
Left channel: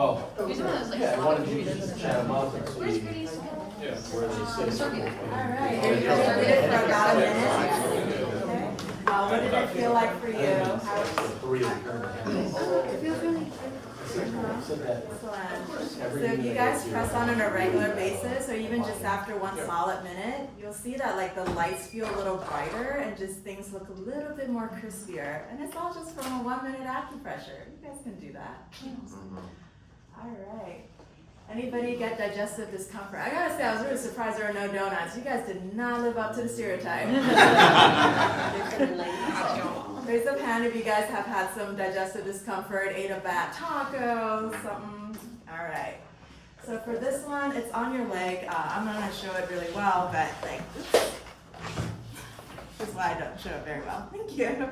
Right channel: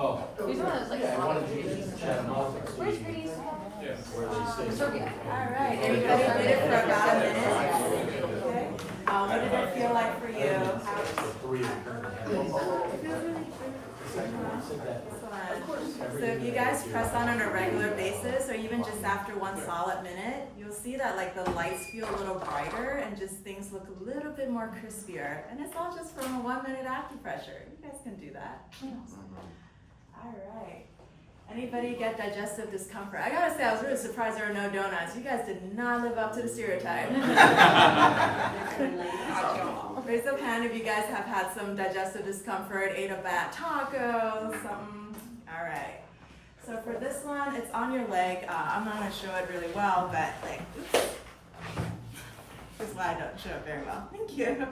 Oh, yeah, I wanted you to chat them up and see where they sit. All right, everybody did it for about a minute. Okay. What did it feel like for you? How? Three of them. Excellent. So if you guys press on a regular basis, or even just after one solid minute, you'll see that like the lights feel a little brighter and just things look a little bit more crispier. And it's all just from a 1 minute acupressure. You guys can do that. All right. Anybody get digestive discomfort? I gotta say, I was really surprised there were no donuts. You guys did not live up to the stereotype. Raise up hand if you guys have had some digestive discomfort, ate a bad taco, something. All right. So for this one, it's on your leg. I'm not gonna show it really well, but like, oops. Just why I don't show it very well. Thank you.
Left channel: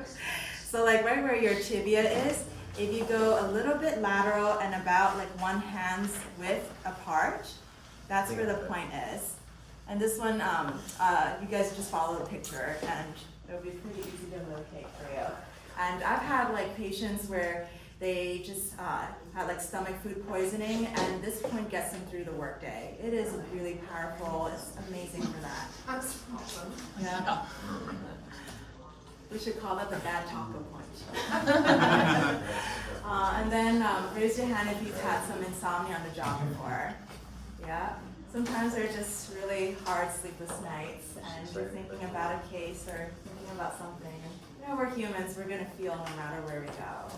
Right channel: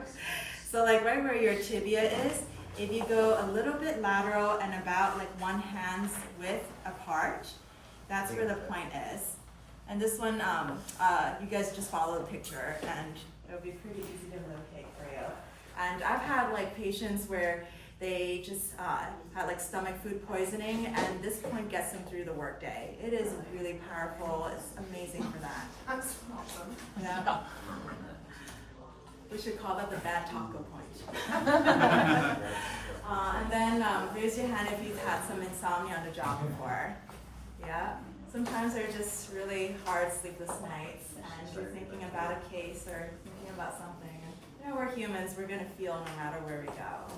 So like right where your tibia is, if you go a little bit lateral and about like one hand's width apart, that's where the point is. And this one, you guys just follow the picture and it'll be pretty easy to locate for you. And I've had like patients where they just had like stomach food poisoning and this point gets them through the workday. It is really powerful. It's amazing for that. That's awesome. Yeah. We should call that the bad taco point. And then raise your hand if you've had some insomnia on the job before. Yeah. Sometimes they're just really hard, sleepless nights, and you're thinking about a case or thinking about something. You know, we're humans, we're gonna feel no matter where we go.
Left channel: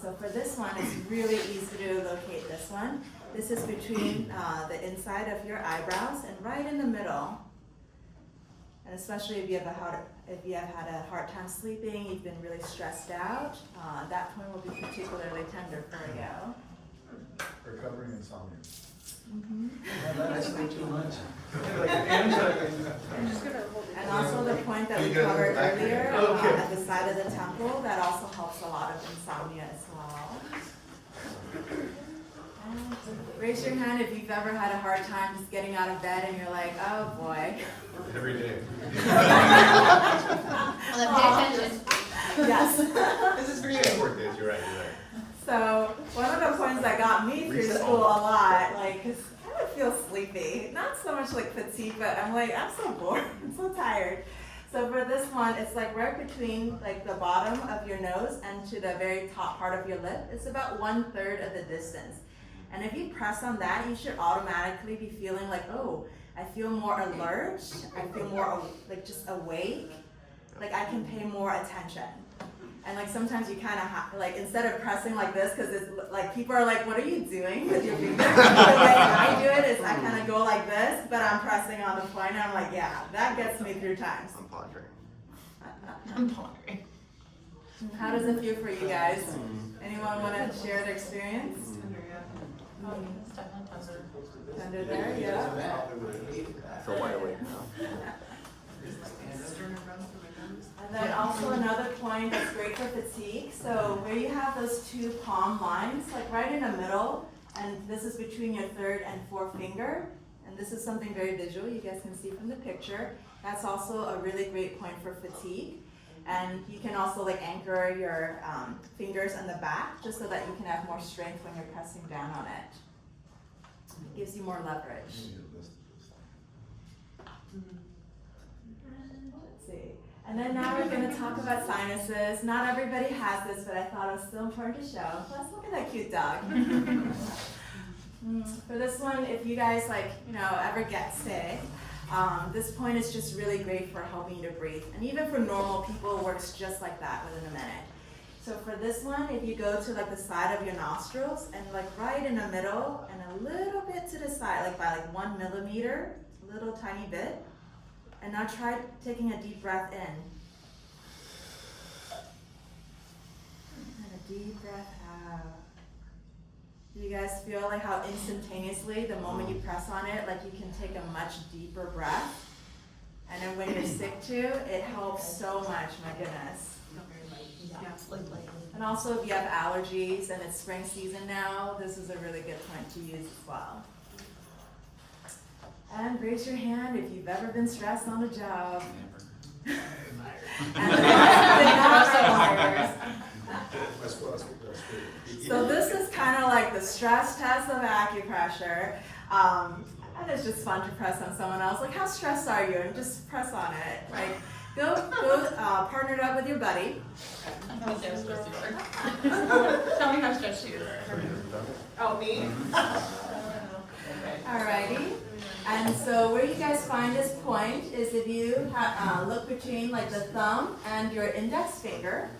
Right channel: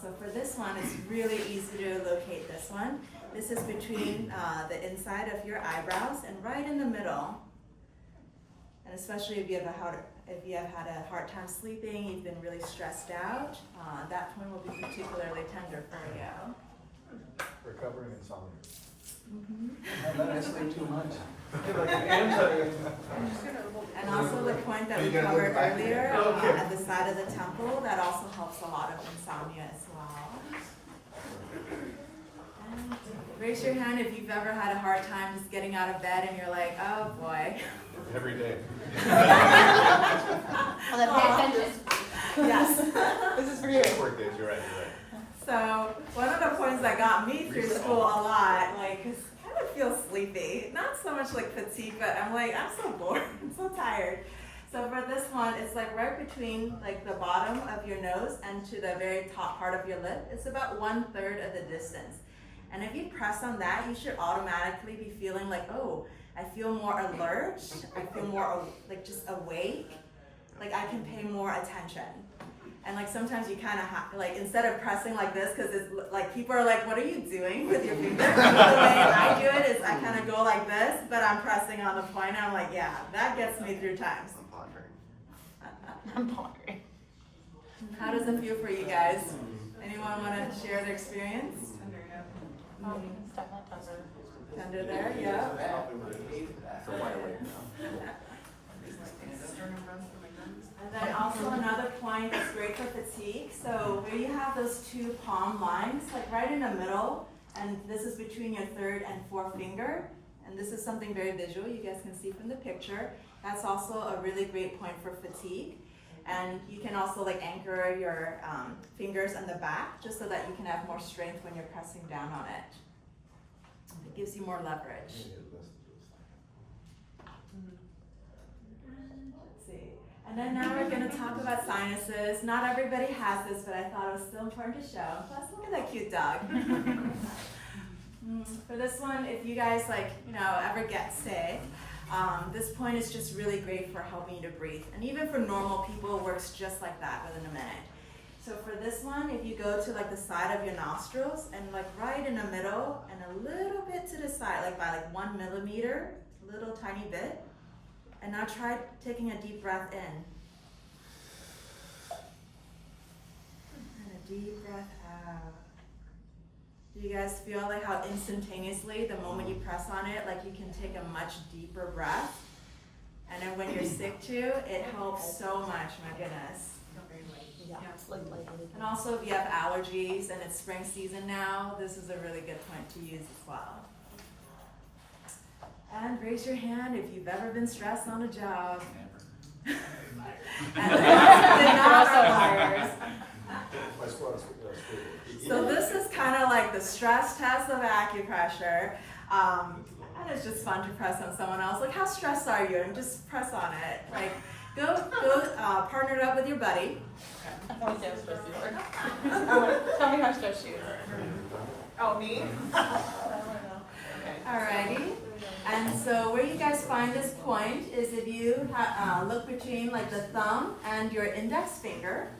So for this one, it's really easy to locate this one. This is between the inside of your eyebrows and right in the middle. And especially if you have had a hard time sleeping, you've been really stressed out, that point will be particularly tender for you. Recovering insomnia. That's way too much. And also the point that we covered earlier at the side of the temple, that also helps a lot of insomnia as well. And raise your hand if you've ever had a hard time just getting out of bed and you're like, oh boy. Every day. Yes. This is for you. Work this, you're right, you're right. So one of the points that got me through school a lot, like, 'cause I kind of feel sleepy. Not so much like fatigue, but I'm like, I'm so bored, I'm so tired. So for this one, it's like right between like the bottom of your nose and to the very top part of your lip. It's about 1/3 of the distance. And if you press on that, you should automatically be feeling like, oh, I feel more alert, I feel more like just awake, like I can pay more attention. And like sometimes you kind of like instead of pressing like this, because it's like people are like, what are you doing with your fingers? The way I do it is I kind of go like this, but I'm pressing on the point. And I'm like, yeah, that gets me through times. I'm pondering. How does it feel for you guys? Anyone want to share their experience? Tender there, yeah. And then also another point that's great for fatigue. So where you have those two palm lines, like right in the middle, and this is between your third and fourth finger, and this is something very visual you guys can see from the picture. That's also a really great point for fatigue. And you can also like anchor your fingers on the back just so that you can have more strength when you're pressing down on it. It gives you more leverage. Let's see. And then now we're going to talk about sinuses. Not everybody has this, but I thought it was still important to show. Plus, look at that cute dog. For this one, if you guys ever get sick, this point is just really great for helping you to breathe. And even for normal people, it works just like that within a minute. So for this one, if you go to like the side of your nostrils and like right in the middle and a little bit to the side, like by like 1 millimeter, a little tiny bit. And now try taking a deep breath in. And a deep breath out. Do you guys feel like how instantaneously, the moment you press on it, like you can take a much deeper breath? And then when you're sick too, it helps so much, my goodness. And also if you have allergies and it's spring season now, this is a really good point to use as well. And raise your hand if you've ever been stressed on a job. And the ones who did not are liars. So this is kind of like the stress test of acupressure. And it's just fun to press on someone else. Like, how stressed are you? And just press on it. Like, go partner it up with your buddy. Tell me how stressed you are. Oh, me? Alrighty. And so where you guys find this point is if you look between like the thumb and your index finger,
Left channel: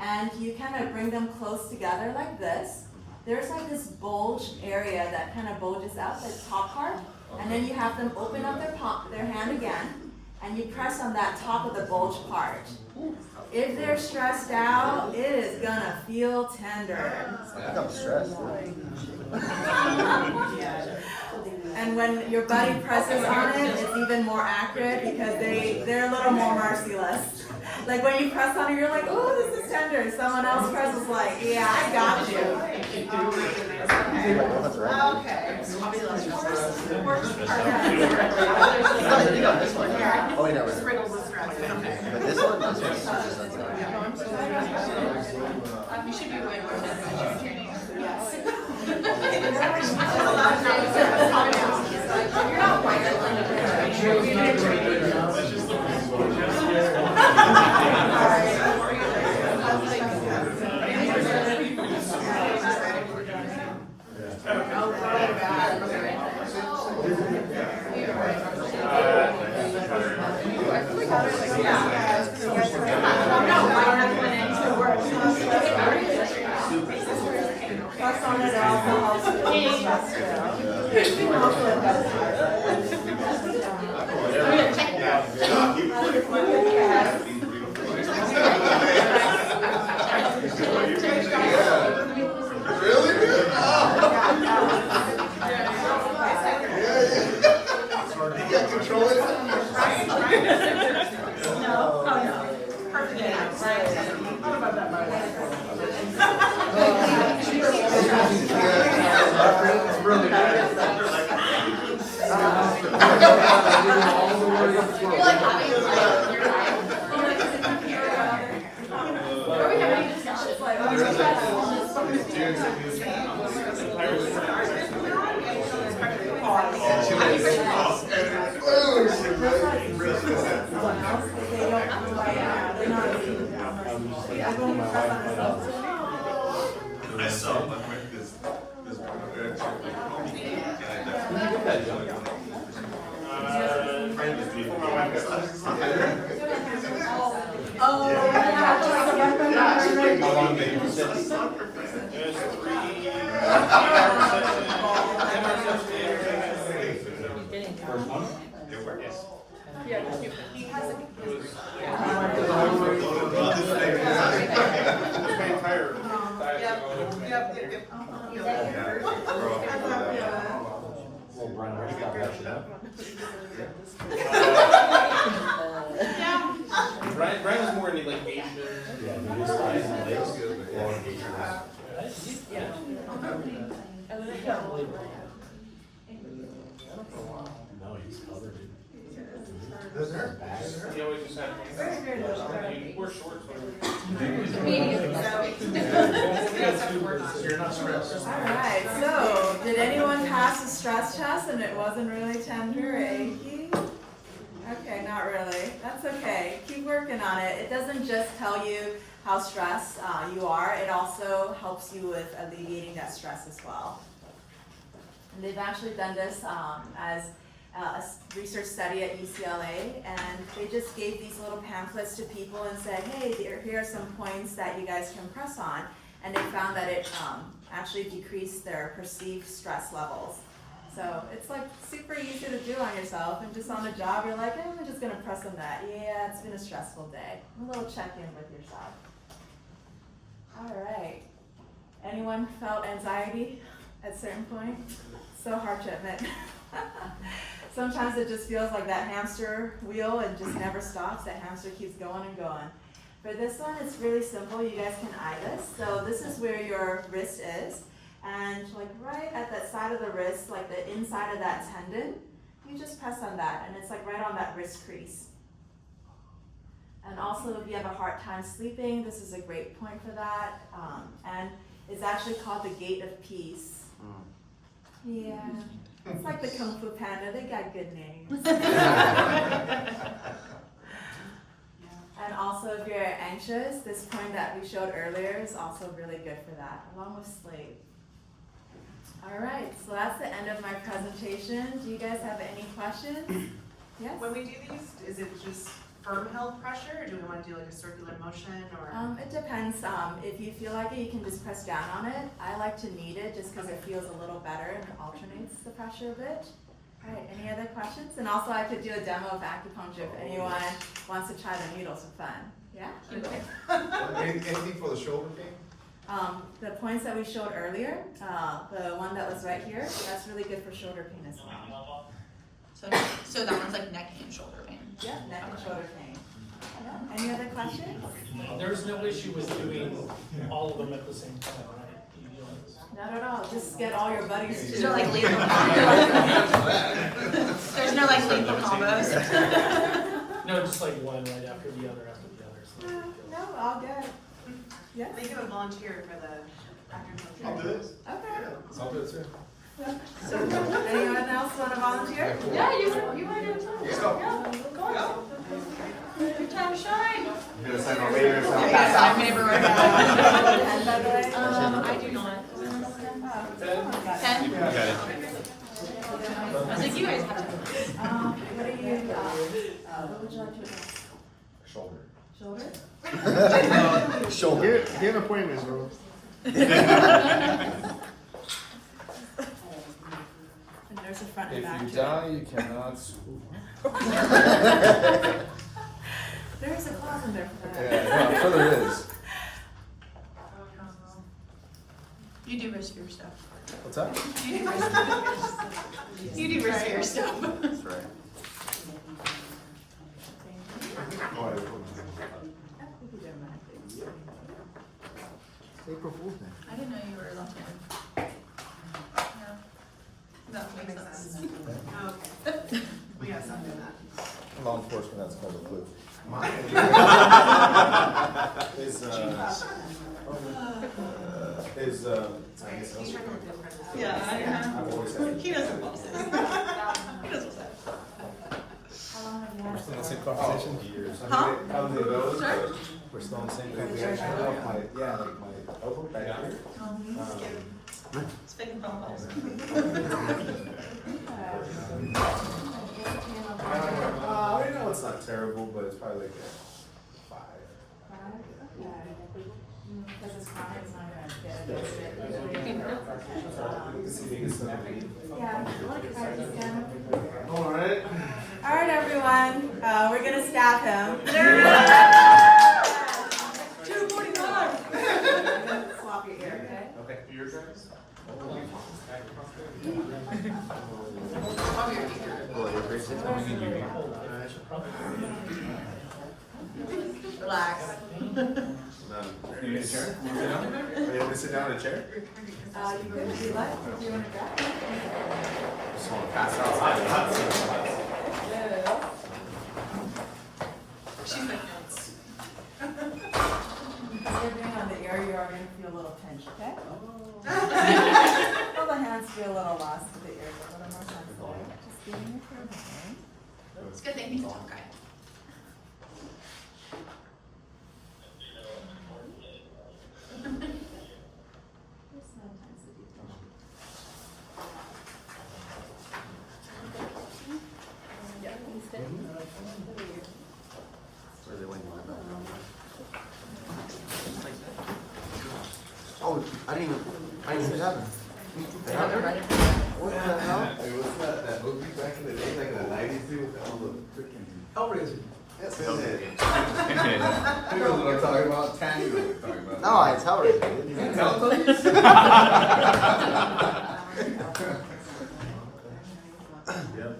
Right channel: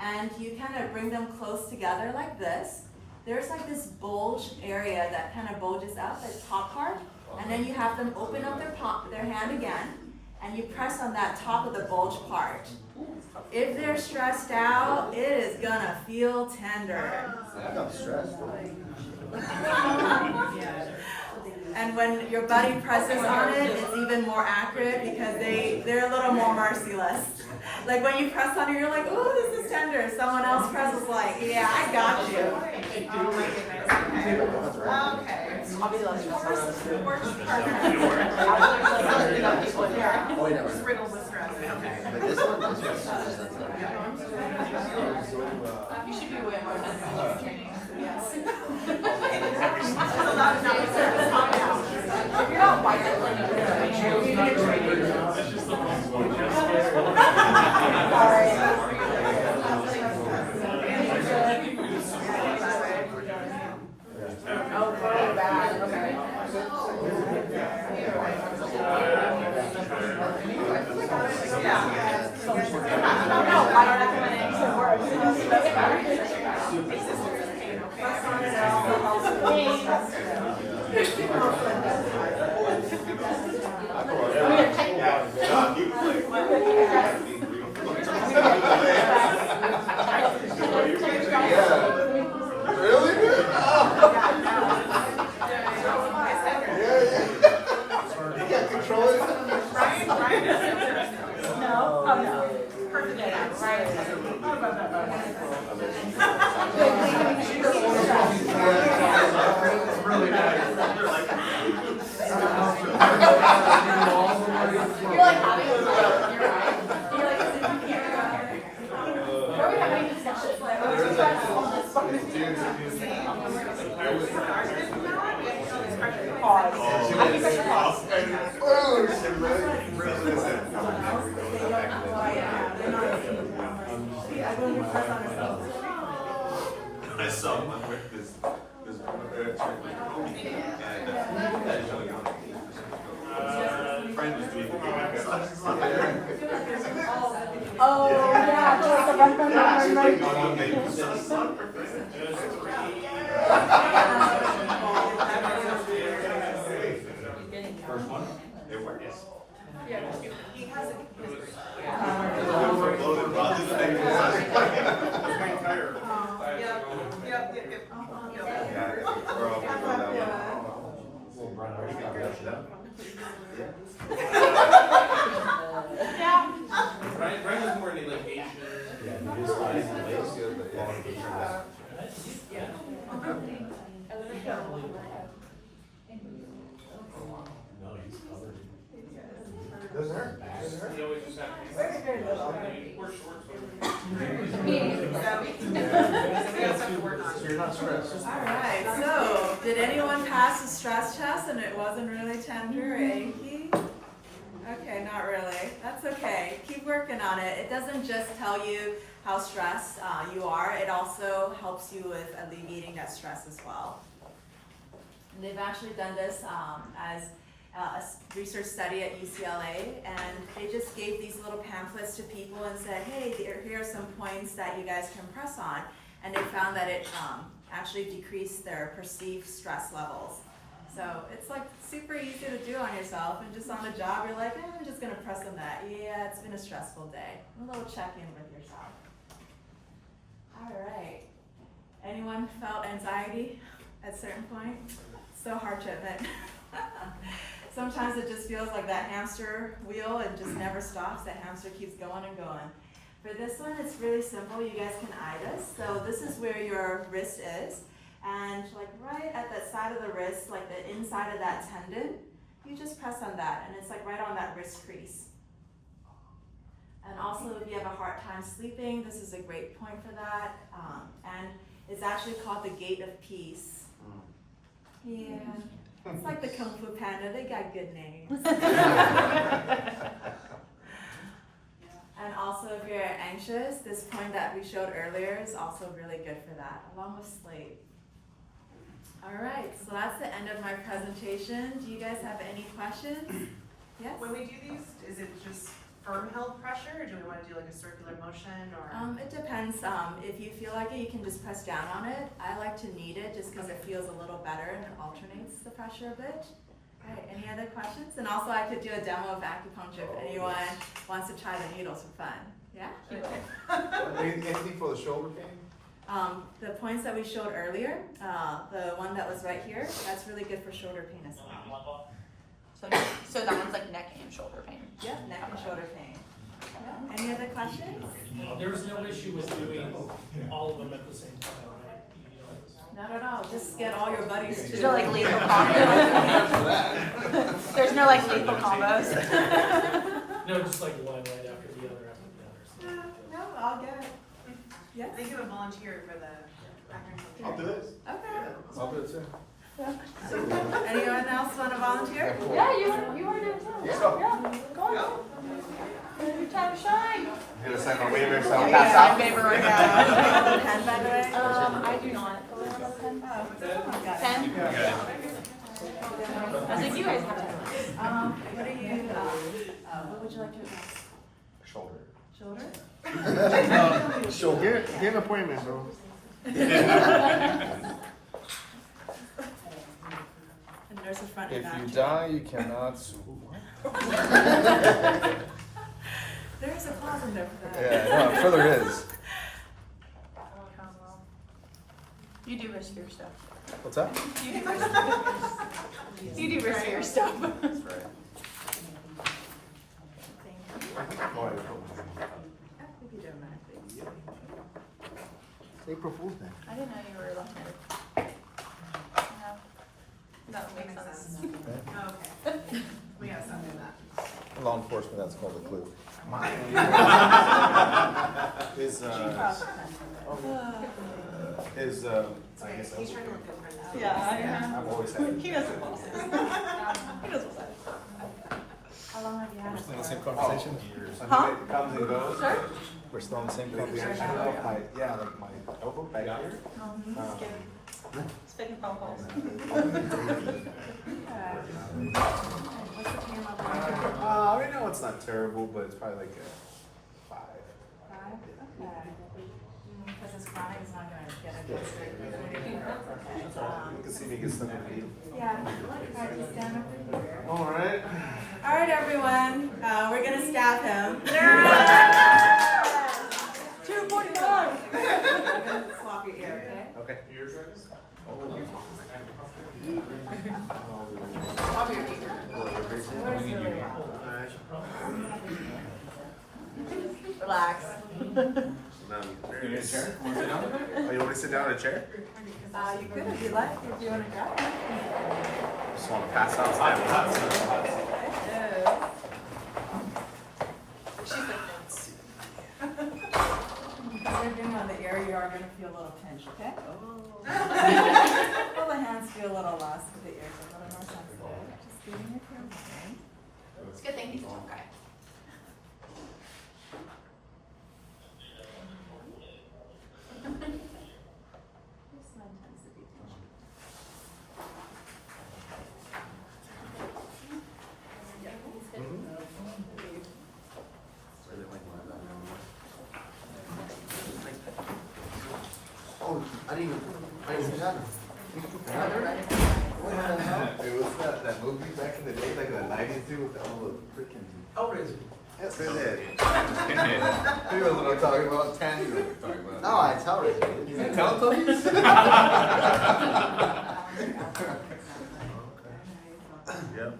and you kind of bring them close together like this. There's like this bulge area that kind of bulges out, the top part, and then you have them open up their hand again, and you press on that top of the bulge part. If they're stressed out, it is gonna feel tender. And when your buddy presses on it, it's even more accurate because they're a little more merciless. Like when you press on it, you're like, ooh, this is tender. Someone else presses like, yeah, I got you. Oh my goodness. Okay. I'll be the last one. Works perfect. Riddled with stress. Okay. You should be way more sensitive training. Yes. Allowed not to calm down. You're not white. Oh, very bad. Okay. Really? You got control of it? It's really nice. I saw one where this one chick was homie and friend was doing Oh, First one? It works. He has a Well, Brian, ready to go. Brian was more into like Asian. Yeah, he just likes it. That's good, but yeah. No, he's covered. Doesn't hurt. He always just had. He wore shorts. medium, so we got stuff to work on. So you're not stressed. all right. So, did anyone pass the stress test and it wasn't really tender or achy? Okay, not really. That's okay. Keep working on it. It doesn't just tell you how stressed you are, it also helps you with alleviating that stress as well. And they've actually done this as a research study at UCLA, and they just gave these little pamphlets to people and said, hey, here are some points that you guys can press on. And they found that it actually decreased their perceived stress levels. So it's like super easy to do on yourself, and just on the job, you're like, I'm just gonna press on that. Yeah, it's been a stressful day. A little check-in with yourself. All right. Anyone felt anxiety at a certain point? So hard to admit. Sometimes it just feels like that hamster wheel and just never stops. That hamster keeps going and going. For this one, it's really simple. You guys can eye this. So this is where your wrist is. And like right at that side of the wrist, like the inside of that tendon, you just press on that. And it's like right on that wrist crease. And also if you have a hard time sleeping, this is a great point for that. And it's actually called the Gate of Peace. Yeah. It's like the Kung Fu Panda, they got good names. And also if you're anxious, this point that we showed earlier is also really good for that, along with sleep. All right, so that's the end of my presentation. Do you guys have any questions? Yes? When we do these, is it just firm held pressure, or do we want to do like a circular motion, or? It depends. If you feel like it, you can just press down on it. I like to knead it just because it feels a little better and it alternates the pressure a bit. All right, any other questions? And also I could do a demo of acupuncture if anyone wants to try the needles for fun. Yeah? Anything for the shoulder pain? The points that we showed earlier, the one that was right here, that's really good for shoulder pain as well. So that one's like neck and shoulder pain. Yeah, neck and shoulder pain. Yeah. Any other questions? There's no issue with doing all of them at the same time, right? Not at all. Just get all your buddies to. There's no like lethal There's no like lethal combos. No, just like one right after the other, No, all good. Yes? They give a volunteer for the I'll do it. Okay. I'll do it too. Anyone else want to volunteer? Yeah, you want to do it too. Let's go. Go. Your time to shine. Get a second waiver or something. Yeah. Do you have a pen, by the way? I do not. Oh, someone got it. Pen? Okay. I think you guys have it. What are you, what would you like to address? Shoulder. Shoulder? Shoulder. Get an appointment, bro. And there's a front and If back. you die, you cannot sue. There's a clause in there for that. Yeah, I'm sure there is. You do risk your stuff. What's that? You do risk your stuff. Oh, I don't know. We could do a minute, please. April Fool's Day. I didn't know you were a volunteer. Yeah. That makes sense. Okay. We gotta stop doing that. Law enforcement, that's kind of a clue. Mine is, I guess, He's trying to look good for Yeah. I've always had it. He doesn't want to. He doesn't want How long have you had We're it? still in the same conversation? Years. I mean, it comes and goes, but We're still in the same I don't conversation? know if my, yeah, like my elbow back here. Spitting phone calls. What's the pain level? Right now it's not terrible, but it's probably like a 5. 5? Okay. Because it's chronic, it's not gonna get a good straight. Look to see me get stuck in here. Yeah, alright, just stand over here. Alright. Alright, everyone, we're gonna stab him. 241. We're gonna swap your ear, okay? Okay. Your turn. Relax. Now, you need a chair? Oh, you want me to sit down in a chair? You could if you like, if you wanna go. Just want to pass out. Because you're doing on the ear, you are gonna feel a little pinch, okay? Well, the hands feel a little less, but the ears are a little more sensitive. Just giving it your way. It's a good thing he's a tough guy. There's some intensity. Oh, I didn't see that. Hey, wasn't that movie back in the day, like the 90s, dude, with all the freaking. Hellraiser. Yes, go ahead. You know what I'm talking about, Tanny, you know what I'm talking about. No, it's Hellraiser. You can tell them? Yep.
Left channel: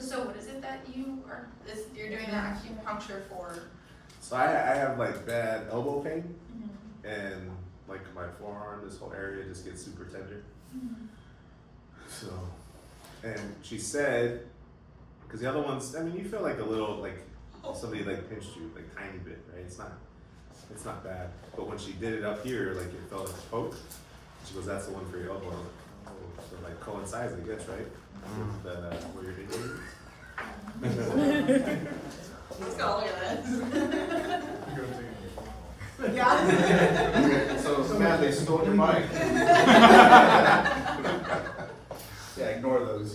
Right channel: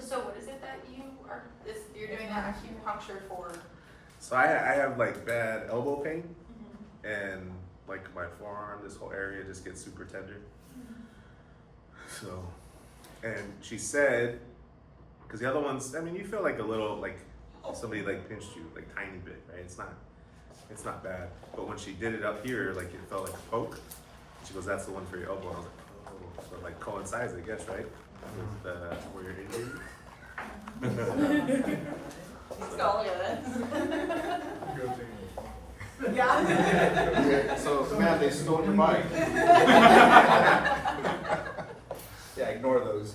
So what is it that you are, you're doing that acupuncture for? So I have like bad elbow pain and like my forearm, this whole area just gets super tender. So, and she said, because the other ones, I mean, you feel like a little, like somebody like pinched you, like tiny bit, right? It's not bad. But when she did it up here, like it felt like a poke. She goes, that's the one for your elbow. I was like, oh, so it like coincides, I guess, right? With where you're injured. Let's go, look at this. Yeah. So, man, they stole your bike. Yeah, ignore those.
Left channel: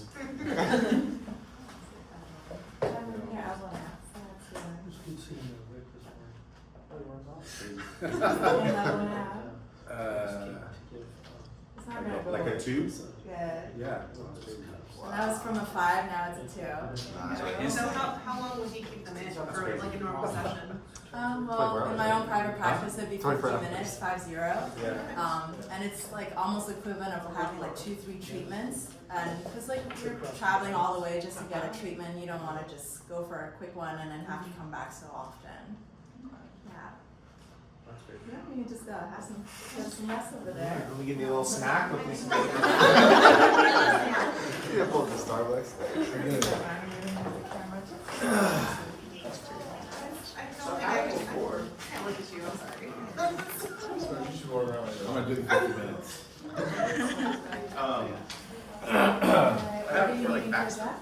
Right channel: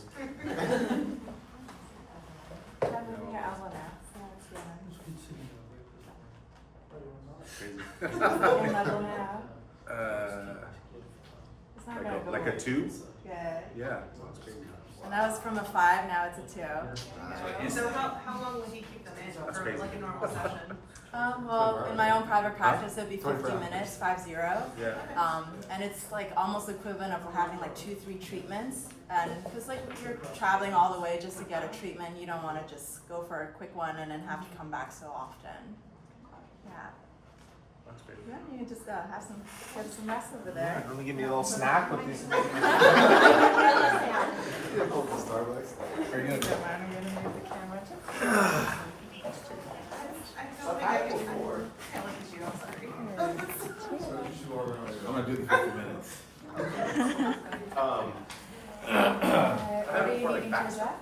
Like a 2? Yeah. Yeah. That was from a 5, now it's a 2. So how long would you keep them in for like a normal session? Well, in my own private practice, it'd be 50 24 minutes, 50. Yeah. And it's like almost equivalent of having like 2-3 treatments. And because like you're traveling all the way just to get a treatment, you don't want to just go for a quick one and then have to come back so often. Yeah. That's great. Yeah, you just have some, get some rest over there. Let me give me a little snack with me. Starbucks. Are you good? I don't think I can look at you, I'm sorry. I'm gonna do the 50 minutes. I have it for like back stuff.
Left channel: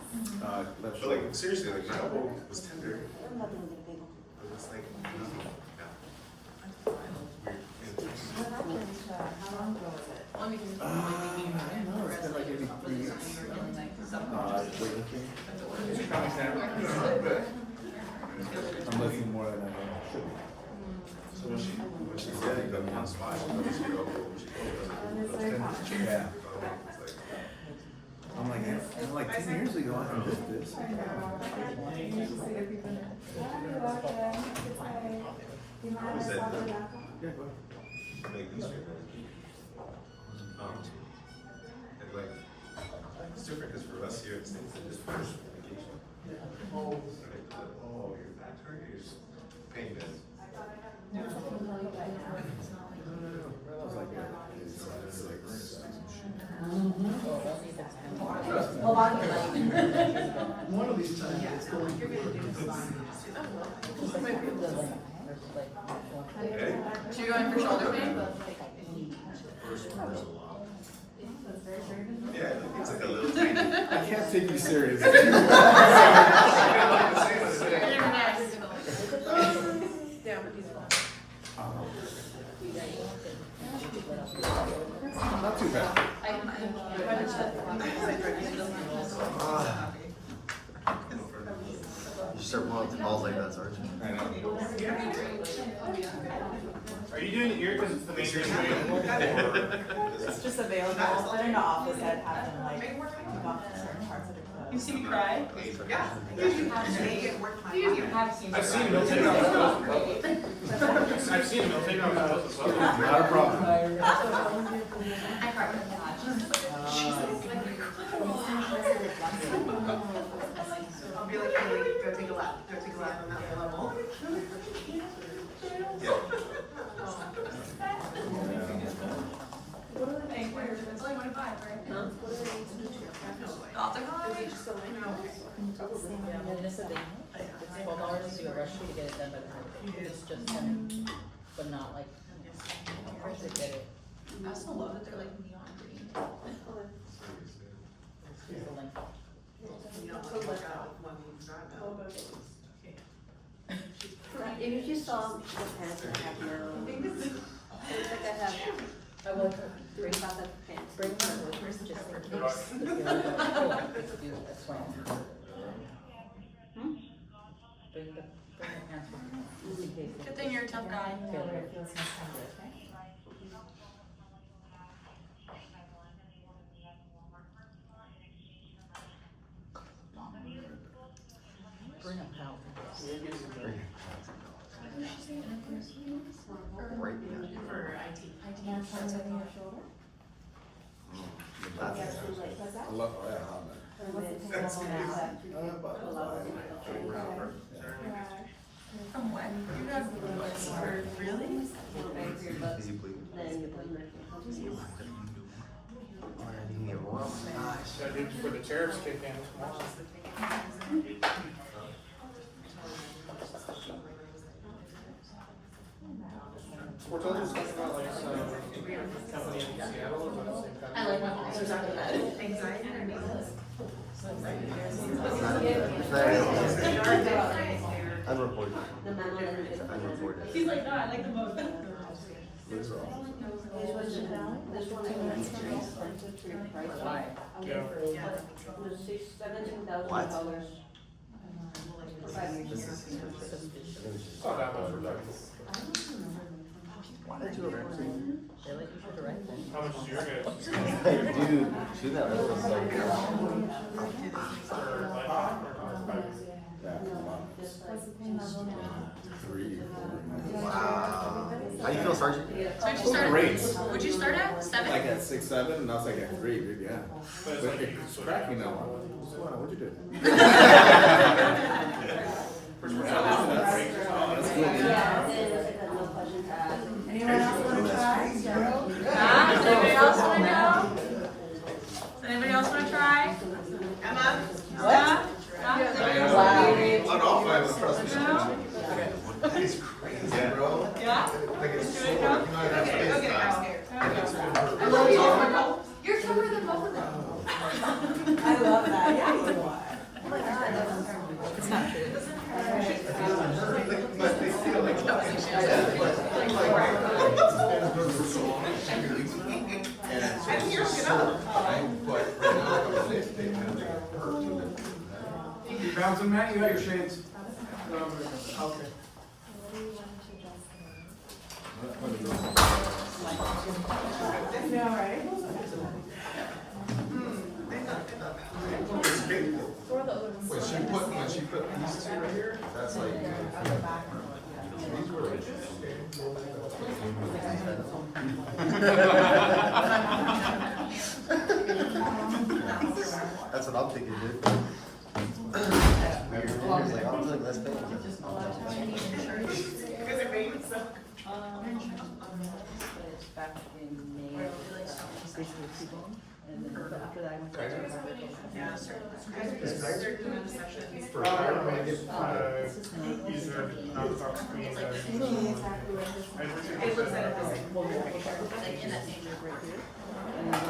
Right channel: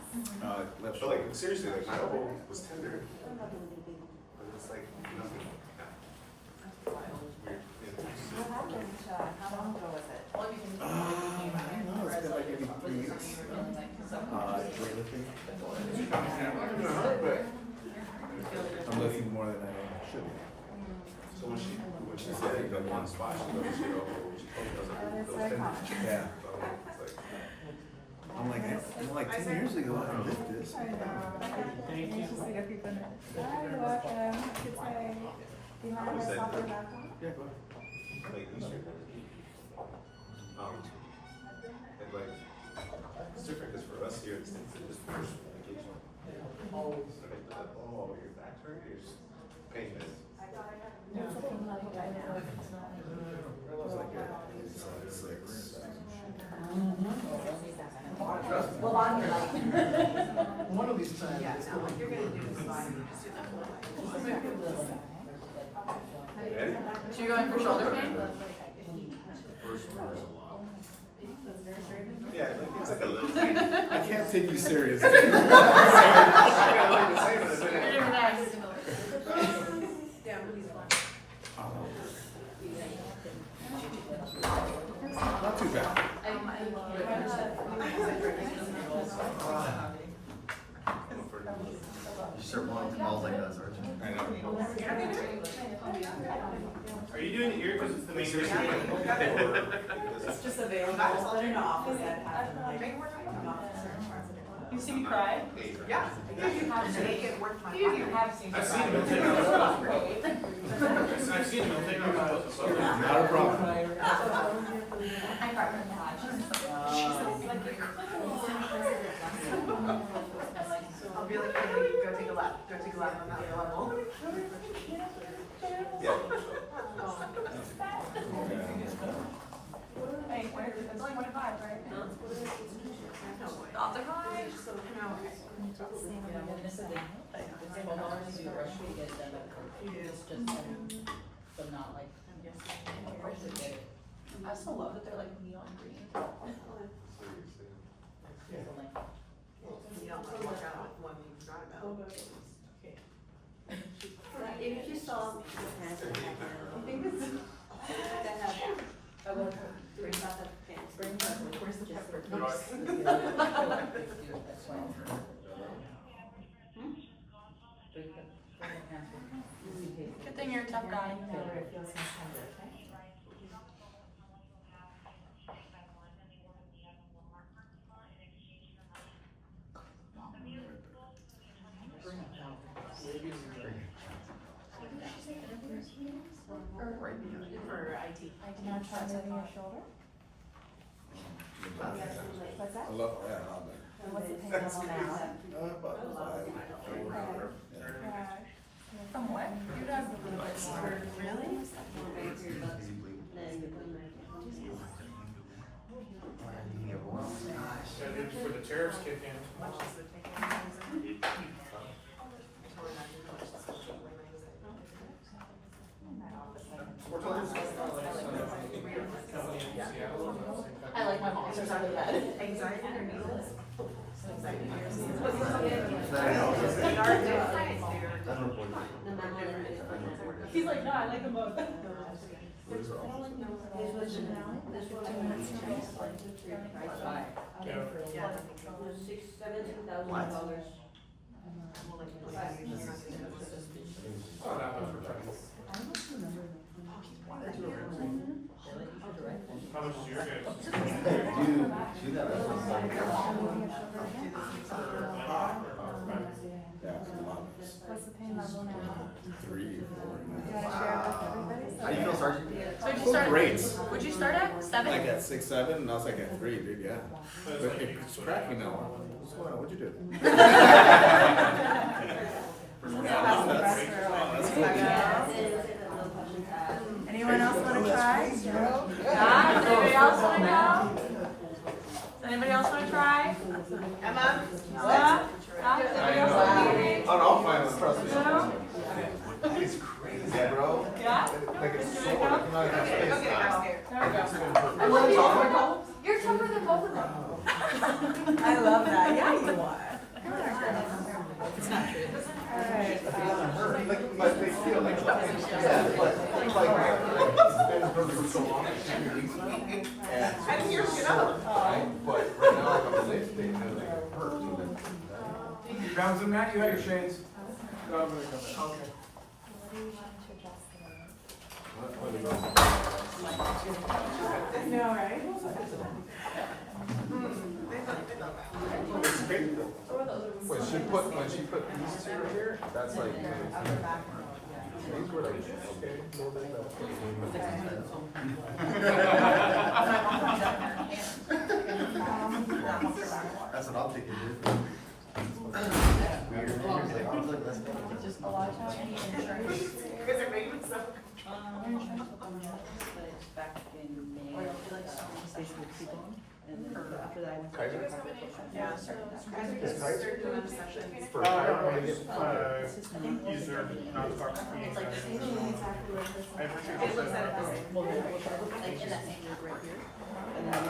Left shoulder. Like seriously, like my elbow was tender, but it's like nothing. What happened? How long ago was it? I don't know, it's been like maybe 3 weeks. Weightlifting. I'm lifting more than I should be. So when she said I think that one spot, she goes, you know, That is very common. Yeah. it's like, I'm like 10 years ago, I can lift this. I know. You just see your people. Hi, you're welcome. Good day. Do you mind if I stop your background? Yeah, go ahead. like these are, like, it's different because for us here, it's things that just finish vacation. Oh, your back hurt, your pain is. What's the pain level right now? That was like a 6. Well, on your leg. One of these times. Yeah, no, you're gonna do this fine. Ready? So you're going for shoulder pain? First one hurts a lot. That's very, very good. Yeah, it's like a little tiny. I can't take you seriously. You're next. Not too bad. You start mulling that, aren't you? I know. Are you doing it here because it's the main reason? It's just available, but in the office I'd have them like knock certain parts of the clothes. You see me cry? Yeah. You have to make it worth my You time. have seen me I've cry. seen them. I've seen them take them out. So. Not a problem. I cried when I watched. I'll be like, hey, go take a lap, go take a lap on that level. Hey, it's only 25, right? Off the high. I also love that they're like neon green. You don't want to walk out with one you forgot about. If you just saw the pants and heck I will break out the pants. Break out the first just for Good thing you're a tough guy. Where it feels most tender, okay? Now try moving your shoulder. What's that? I love, oh yeah, how bad? Or what's the pain level now? About 5. From what? You guys really? So dude, for the tariffs kick in. I like my mom's exactly that. Anxiety or needles? Anxiety. Sorry. They are different. Unreported. He's like, no, I like them both. Where's the office? That's 15 minutes from now. Okay. Yeah. What? It's not that much reduction. How much is your guys'? Dude, that. That's what I'm saying. Yeah, a lot. What's the pain level now? 3, 4. You want to share it with everybody? How do you feel, Sergeant? So would you Oh, start? great. Would you start at 7? Like at 6, 7, and I was like at 3, dude, yeah. But it's cracking now. What's going on? What'd you do? That's cool, dude. Anyone else want to try? Yeah, does anybody else want to go? Does anybody else want to try? Emma? Yeah? Yeah? Does anybody else want to do? I'll find one, trust me. No? It's crazy, bro. Yeah? Like it's so, Should we go? Okay, go get it, girl. You're tougher than both of them. I love that. Yeah, you are. It's not true. All right. But they feel like, yeah, I didn't hear him get up. but right now, like, I'm lifted and I'm like, it hurts. You bouncing, Matt? You got your shades. Okay. What do you want to adjust today? You all right? It's crazy though. When she put these two here, that's like. Upper back. These were like. That's what I'm thinking, dude. A lot of times. Because they're making so. But it's back in May, basically T-bone, and then after that I went to chiropractor. Yeah, certain sessions. For chiropractic, It's just no, It looks at it the same. well, we'll talk about like in that same group right here, and then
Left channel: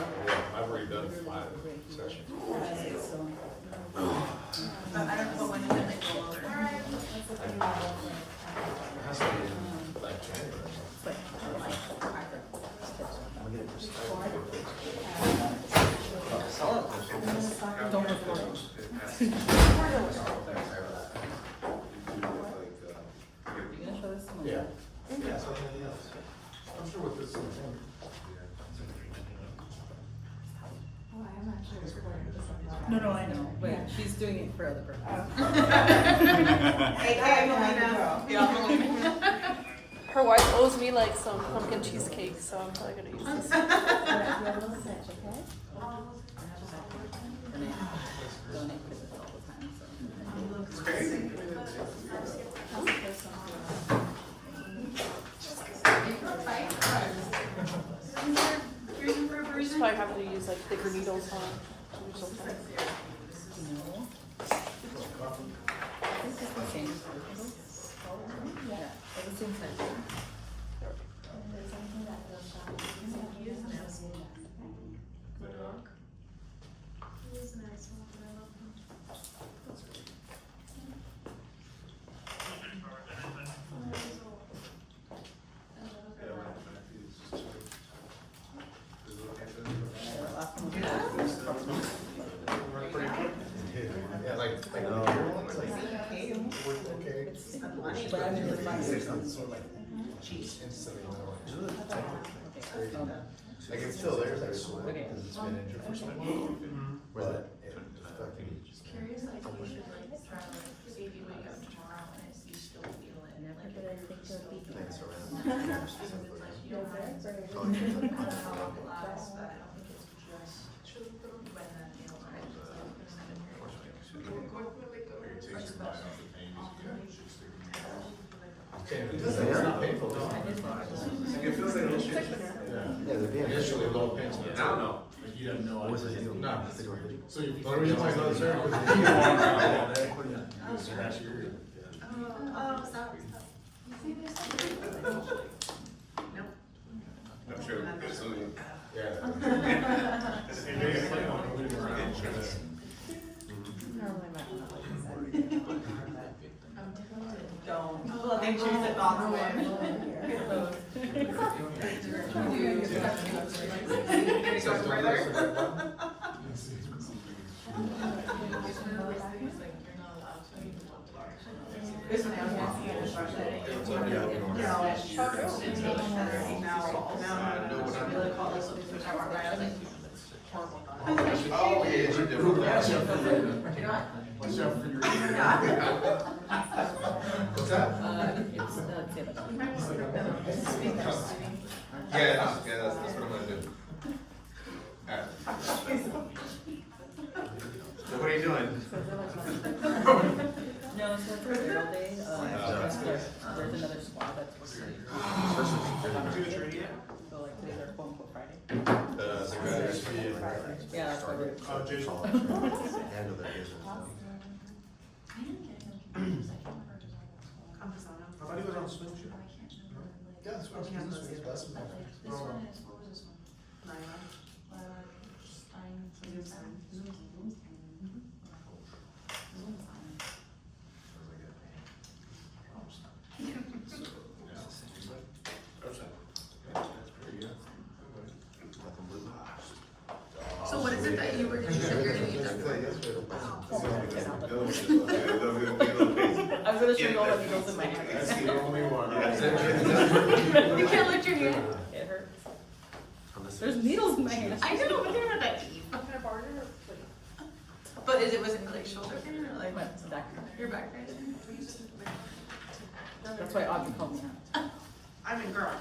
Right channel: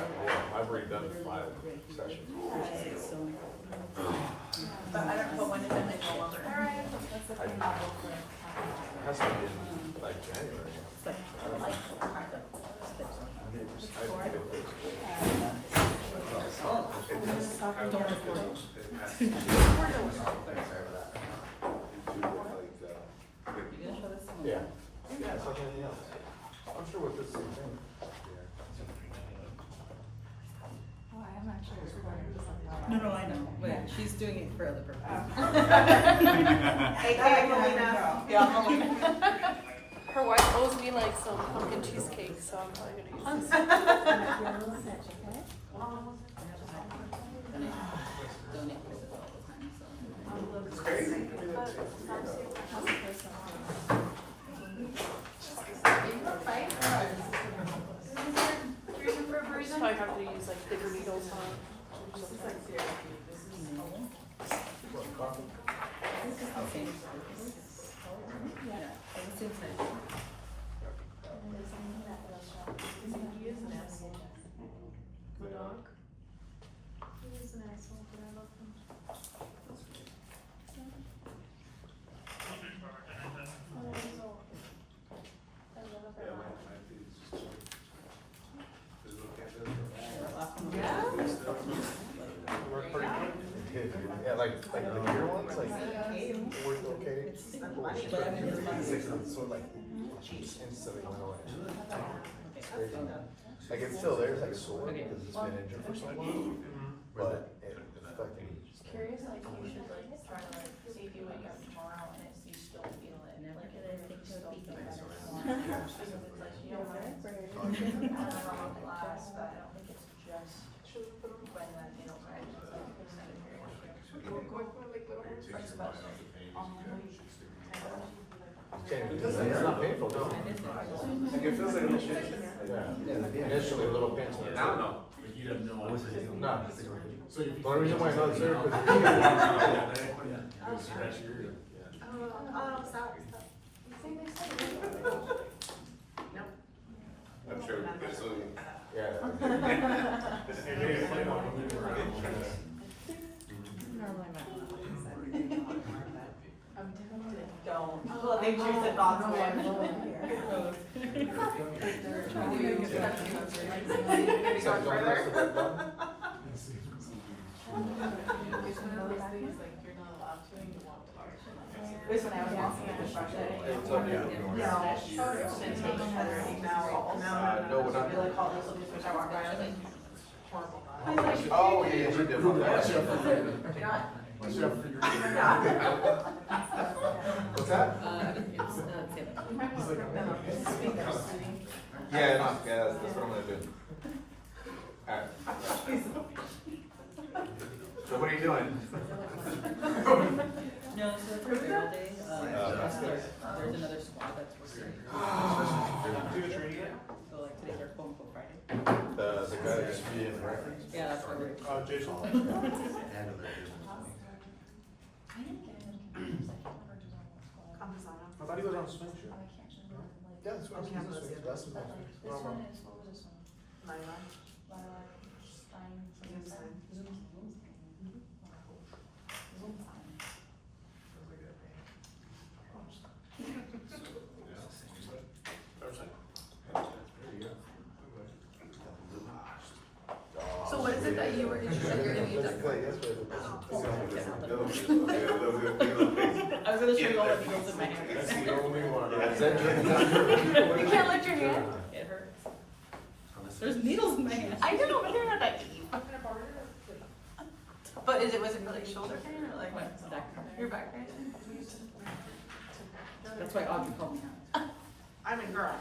I've already done 5 right here. sessions. So, But I don't know, but when did that like go over? What's the pain level for? That's like January. it's like, don't record it. You gonna show this to someone? Yeah. I'm sure what this is. Oh, I am actually recording this on Friday. No, I know, but she's doing it for other purposes. Hey, Melina. Yeah, Melina. Her wife owes me like some pumpkin cheesecake, so I gotta use this. You have a little pitch, okay? Donate for this all the time, so. It's crazy. How's the first one? Just might have to use like bigger needles, huh? No. This is the same size. Yeah, it's the same size. Is there anything that feels sharp? Last time we did it, we had a couple of, like, Yeah, like, I know. It's like, okay. but I mean, it's fine. So like, cheese instead of more. Okay, Like it's still there, like sore, Okay. because it's been injured for so long. But it fucking. Curious, like you should like try to like see if you wake up tomorrow and it's, you still feel it. never did I think it would be here. I don't know how long it lasts, but I don't think it's just when that nail right is like extended It doesn't hurt painful, no. Like it feels like it's Initially a little painful. now, no. You have no idea. No. So you. Well, the reason why it's not there Stop. Nope. I'm sure. So, Yeah. Normally I'm not like this every day, but don't. Well, they choose the thoughts I'm away. over here. Trying to make it back. Gonna go further? This one, No, really call this looking for shower. Horrible thought. Oh, yeah, you did. What's that? What's that for your? What's that? It's, say that. Yeah, that's what I'm gonna do. Alright. So what are you doing? No, so it's a barrel day, there's another squad that's working. So like today's our quote unquote Friday. Yeah, that's why we're. Oh, Jason. How do you go down snowshoe? Yeah, this one's, this one's less than that. This one is, what was this one? Lila Stein. Zoom Stein. So what is it that you were, you said you're gonna need done for? I was gonna show you all the needles in my hand. You can't lift your hand? It hurts. There's needles in my hand. I know, but they're not that deep. But was it like shoulder pain or like? My back. Your back pain? That's why Audrey called me out. I'm a girl.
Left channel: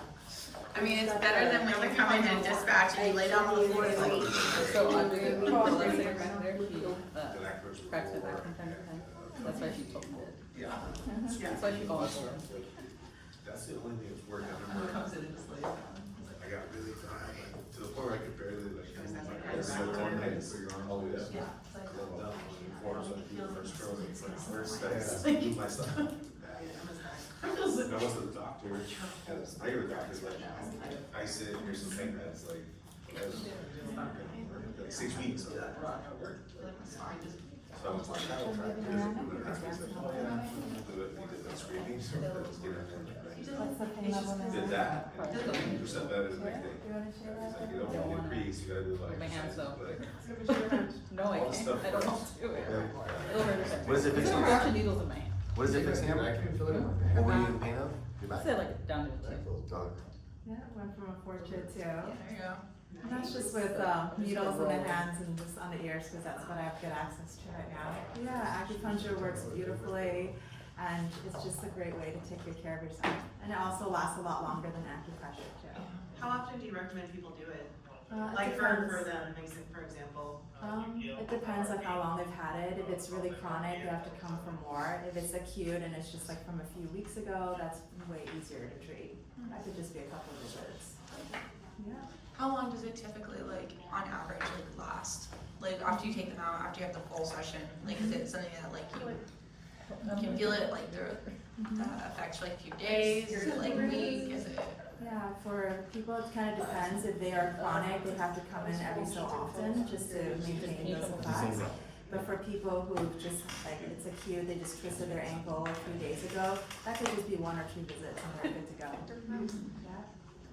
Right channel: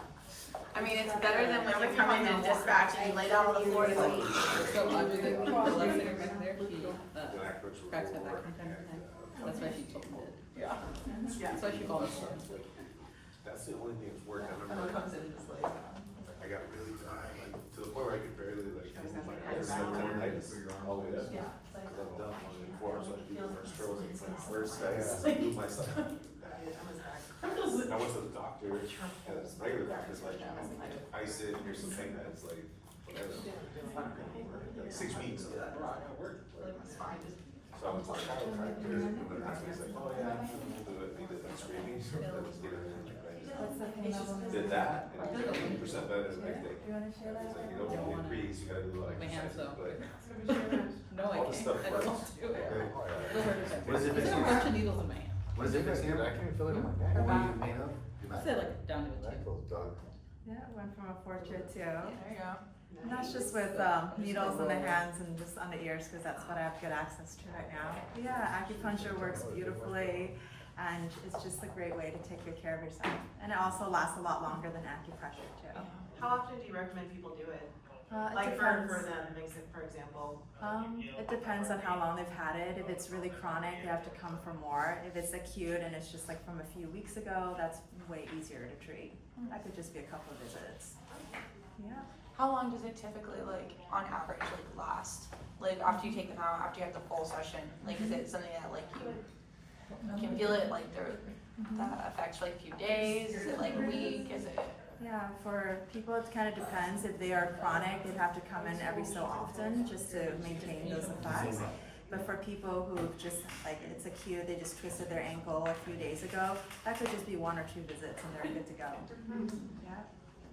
I mean, it's better than when we come in and dispatch and you lay down on the floor and like. So Audrey, the last singer back there, she cracks my back from time to time. That's why she told me that. Yeah. That's why she called me. That's the only thing that's worked. I remember. Comes in and just lays down. I got really tired, like, to the point where I could barely like. Goes down like I kind of just back one down. night, so you're on all the way up. Yeah. Cause I've done one before, so I do the first stroke, it's like first steps, I do myself. I went to the doctor, and it's regular doctor's like, I sit, here's some pain meds, like, like 6 weeks of that. So I was like, I don't try to do it, and then after he's like, oh yeah, we'll do it, we did that screening, so did that, and 50% better the next day. He's like, you don't want to increase, you gotta do like. My hands though. but- No, I can't. I don't want to do it. It'll hurt if I. What is it? There's a bunch of needles in my hand. What is it, Miss Hannah? I can't feel it. What were you in pain of? I said like down to a 2. Yeah, went from a 4 to a 2. There you go. And that's just with needles in the hands and just on the ears because that's what I have good access to right now. Yeah, acupuncture works beautifully and it's just a great way to take good care of yourself. And it also lasts a lot longer than acupressure too. How often do you recommend people do it? It Like depends. for them, for example? It depends on how long they've had it. If it's really chronic, they have to come for more. If it's acute and it's just like from a few weeks ago, that's way easier to treat. That could just be a couple of visits. Yeah. How long does it typically, like, on average, like, last? Like, after you take them out, after you have the full session, like, is it something that, like, you can feel it, like, that affects, like, a few days? Is it, like, a week? Is it? Yeah, for people, it kind of depends. If they are chronic, they'd have to come in every so often just to maintain those effects. But for people who just, like, it's acute, they just twisted their ankle a few days ago, that could just be 1 or 2 visits and they're good to go. Yeah.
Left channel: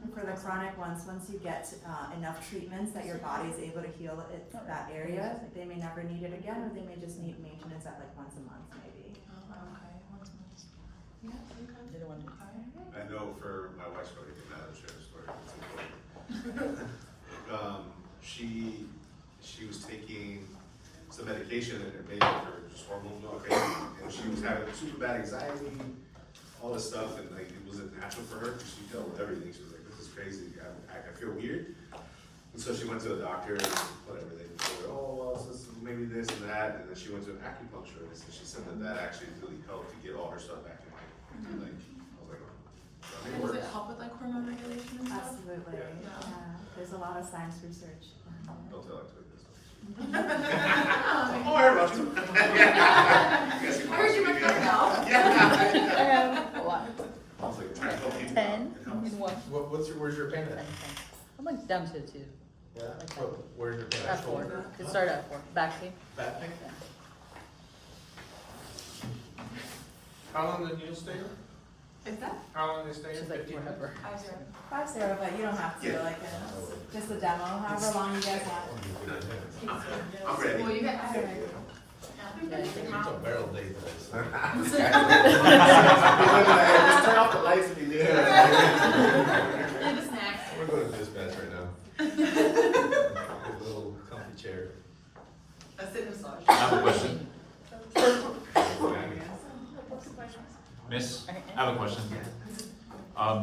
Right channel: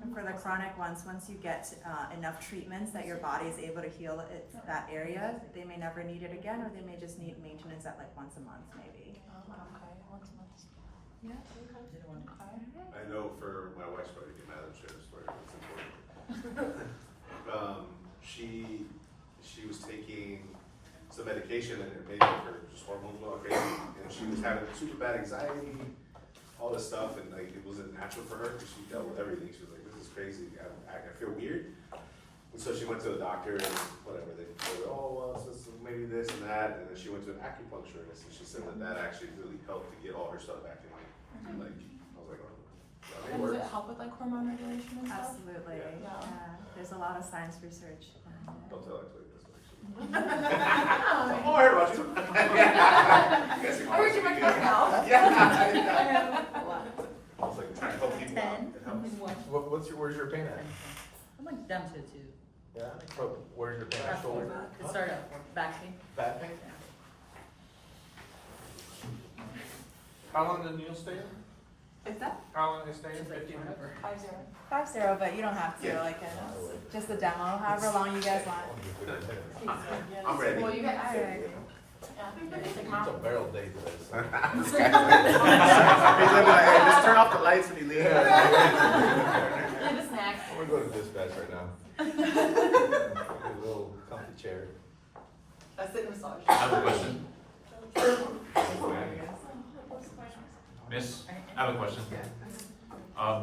And for the chronic ones, once you get enough treatments that your body is able to heal that area, they may never need it again, or they may just need maintenance at like once a month, maybe. Oh, okay, once a month. Yeah. I know for my wife's probably getting mad, I'm sure it's where it's important. She was taking some medication and it made her just hormones go crazy, and she was having super bad anxiety, all this stuff, and like it wasn't natural for her because she dealt with everything. She was like, "This is crazy. I feel weird." And so she went to the doctor, and whatever they told her, "Oh, well, so maybe this and that," and then she went to an acupuncturist, and she said that actually really helped to get all her stuff back in line. Like, I was like, "Oh." And does it help with, like, hormone regulation and stuff? Absolutely. There's a lot of science research. Don't tell it to her this way. Oh, I heard about you. I heard you make that now. I was like, trying to help you. 10 in one. Where's your pain at? I'm like down to a 2. Yeah. Where's your pain At at? 4. It started at 4. Back pain. Back pain? Yeah. How long did you stay? Is that? How long did you stay? She's like, 15 minutes? whatever. 5-0, but you don't have to, like, just a demo, however long you guys want. I'm ready. Well, you get. All right. It's a barrel day. Just turn off the lights when you leave. And a snack. We're going to dispatch right now. A little comfy chairs. I have a question. Miss, I have a question.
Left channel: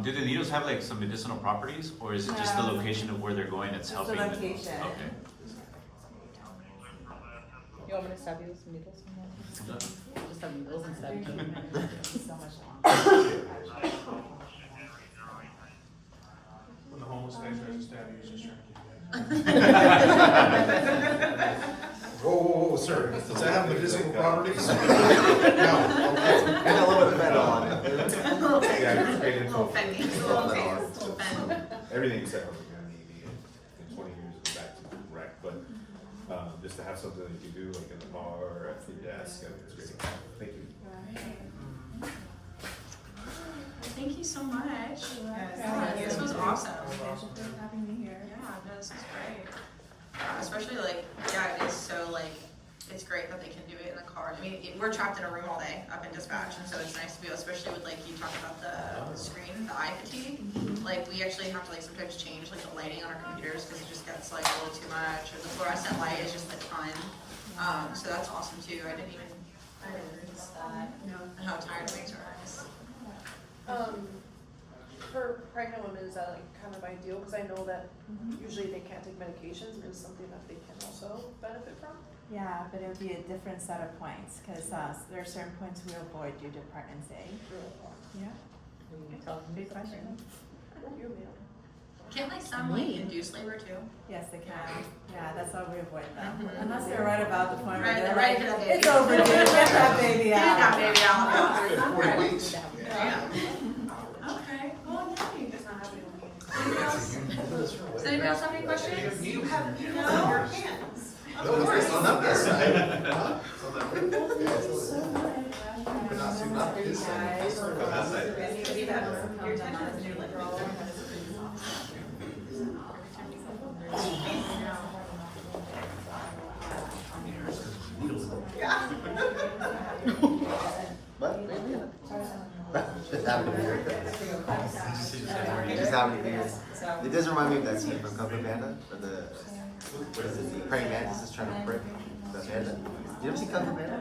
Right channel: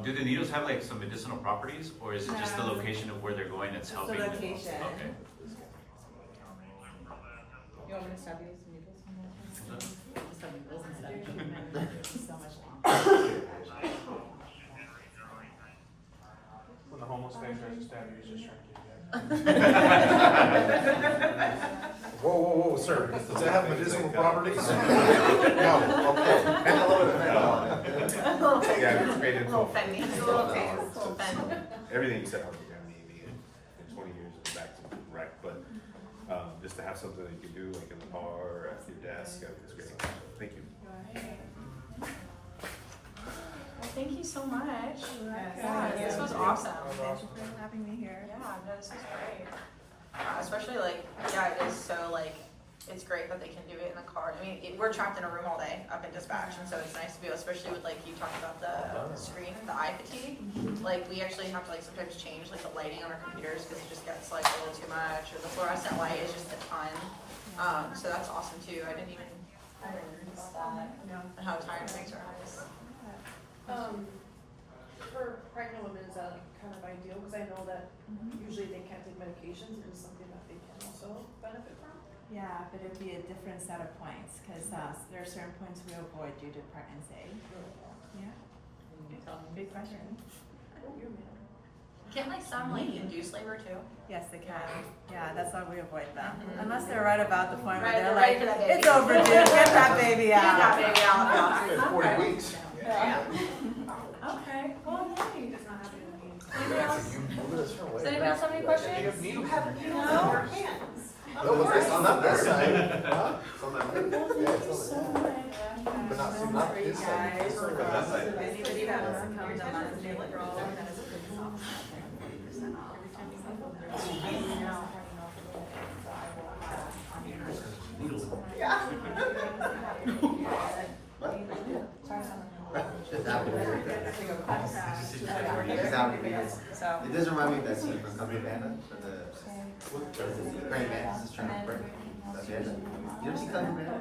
Do the needles have like some medicinal properties, or is it just the No. location of where they're going that's It's the helping? location. Okay. You want me to stab you with some needles? Just have needles and stab you. So much longer. When the homeless guy tries to stab you, he's just trying to Whoa, whoa, whoa, sir, does it have medicinal properties? No. And a little bit of Yeah, it's great info. Little fendy, a little taste, little fend. Everything you said, I was like, I need it in 20 years to go back to rec, but just to have something that you can do like in the car or at your desk, I mean, it's great. Thank you. Well, thank you so much. Yeah, This was awesome. Thank you for having me here. Yeah, no, this is great. Especially like, yeah, it is so like, it's great that they can do it in the car. I mean, we're trapped in a room all day up in dispatch, and so it's nice to be able, especially with like you talking about the screen, the eye fatigue. Like we actually have to like sometimes change like the lighting on our computers because it just gets like a little too much, or the fluorescent light is just a ton. So that's awesome too. I didn't notice that. No. And how tired it makes our eyes. For pregnant women, is that like kind of ideal? Because I know that usually they can't take medications, but it's something that they can also benefit from. Yeah, but it would be a different set of points, because there are certain points we avoid due to pregnancy. Yeah, good question. Can't like some like induce labor too? Yes, they can. Yeah, that's why we avoid them. Unless they're right about the point where Right, they're they're like, ready for that baby. it's overdue, get that baby Get out. that baby out. Wait. Yeah. Okay, well, nice. Anybody else? Does anybody else have any questions? You have, No? your hands. Of course. On that side. For you guys, so anybody that wants to come down on the table, That would be weird. That would be weird. It does remind me of that scene from Kung Fu Panda, from the praying mantis is trying to pray. You ever see Kung Fu Panda?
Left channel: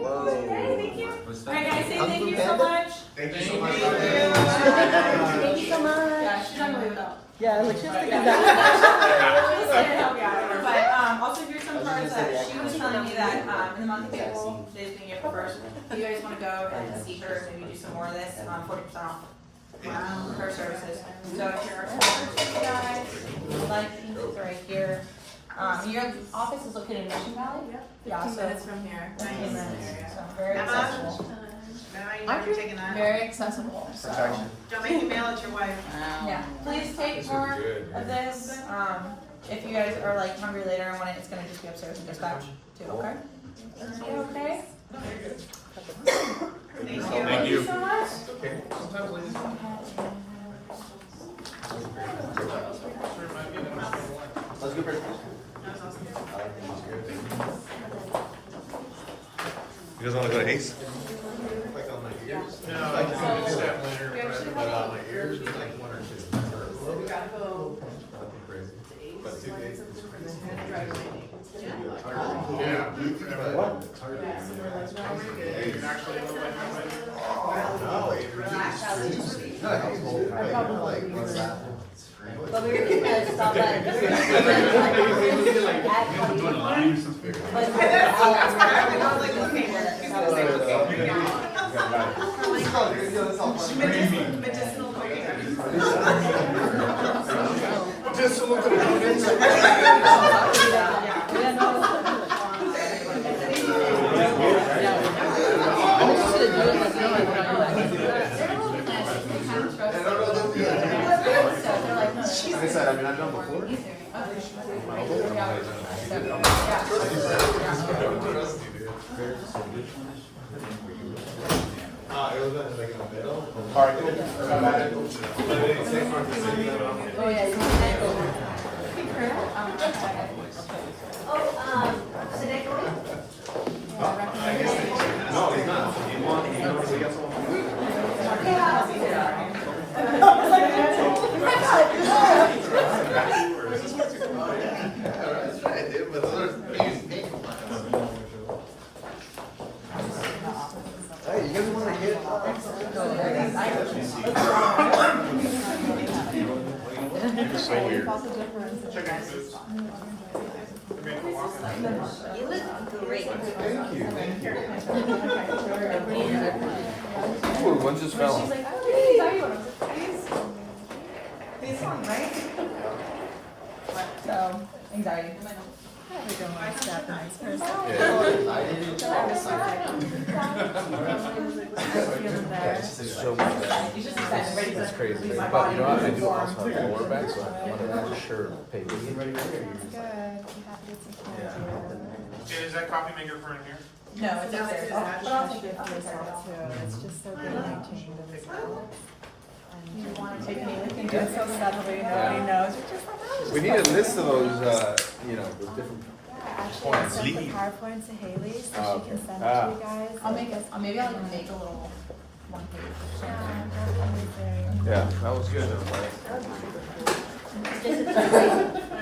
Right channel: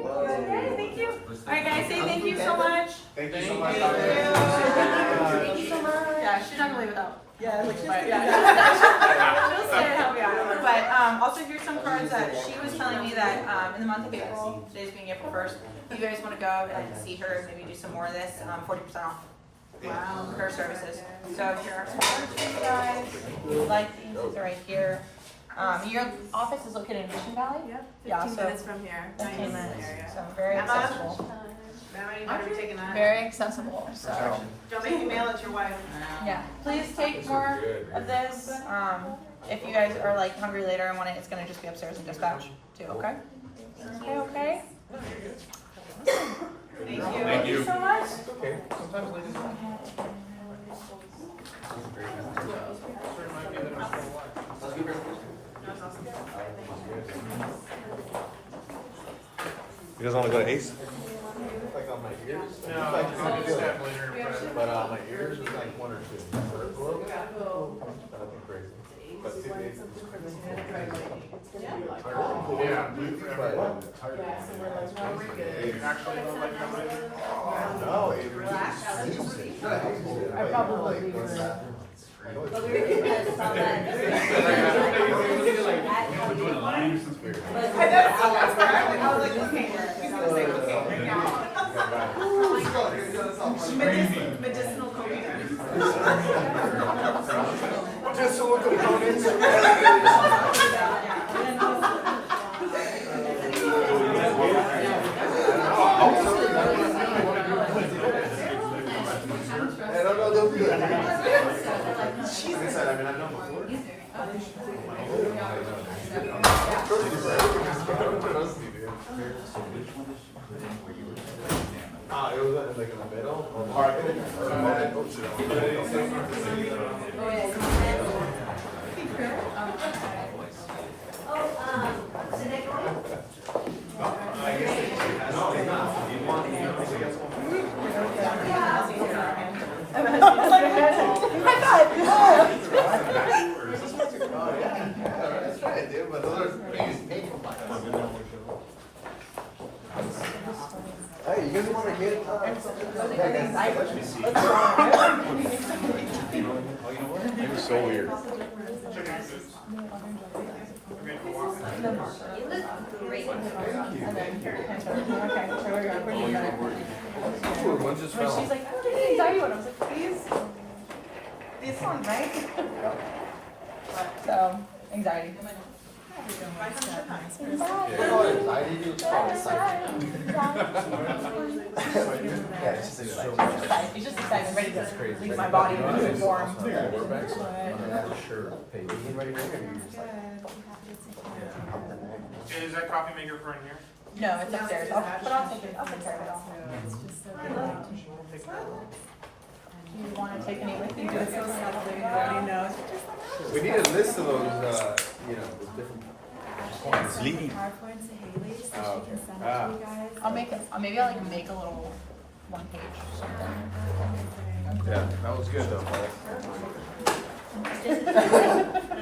Whoa. Thank you. Alright guys, say thank you so much. Thank you so much. Thank you so much. Yeah, she's not away without. Yeah, which is. But also here's some cards that she was telling me that in the month of April, today's being April 1st, if you guys want to go and see her, maybe do some more of this, 40% off. Wow, her services. So if you're like these, it's right here. Your office is located in Mission Valley? Yep. 15 minutes from here. Nice. So very accessible. Emma, you better be taking that. Very accessible, so. Don't make me mail it to your wife. Yeah, please take more of this. If you guys are like hungry later and want it, it's gonna just be upstairs in dispatch too, okay? Okay? Thank you. Thank you. So much. You guys want to go to Ace? Like on my ears. No, I'll get stabbed later. But my ears was like one or two. That's where I went. I was like, okay, he's gonna say okay right now. Medicinal cocaine. Just a little bit of Like I said, I mean, I've done before. it was like in the middle. Yeah. You look great. Ooh, one just fell. So, anxiety. It's crazy, but you know what, I do also have lower back, so I want to make sure pay. Is that coffee maker for in here? No, it's upstairs. It's just so good at taking them as well. And you want to take anything just so subtly, nobody knows. We need a list of those, you know, with different Actually, I sent the PowerPoint to Haley, so she can send it to you guys. I'll make a, maybe I'll make a little one page. Yeah, that was good though.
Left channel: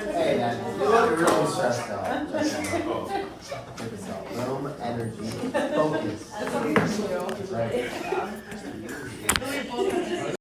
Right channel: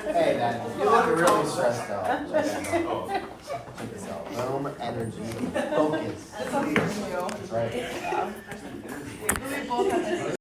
Hey, man, you look really stressed out. Calm, energy, focus. Right. We both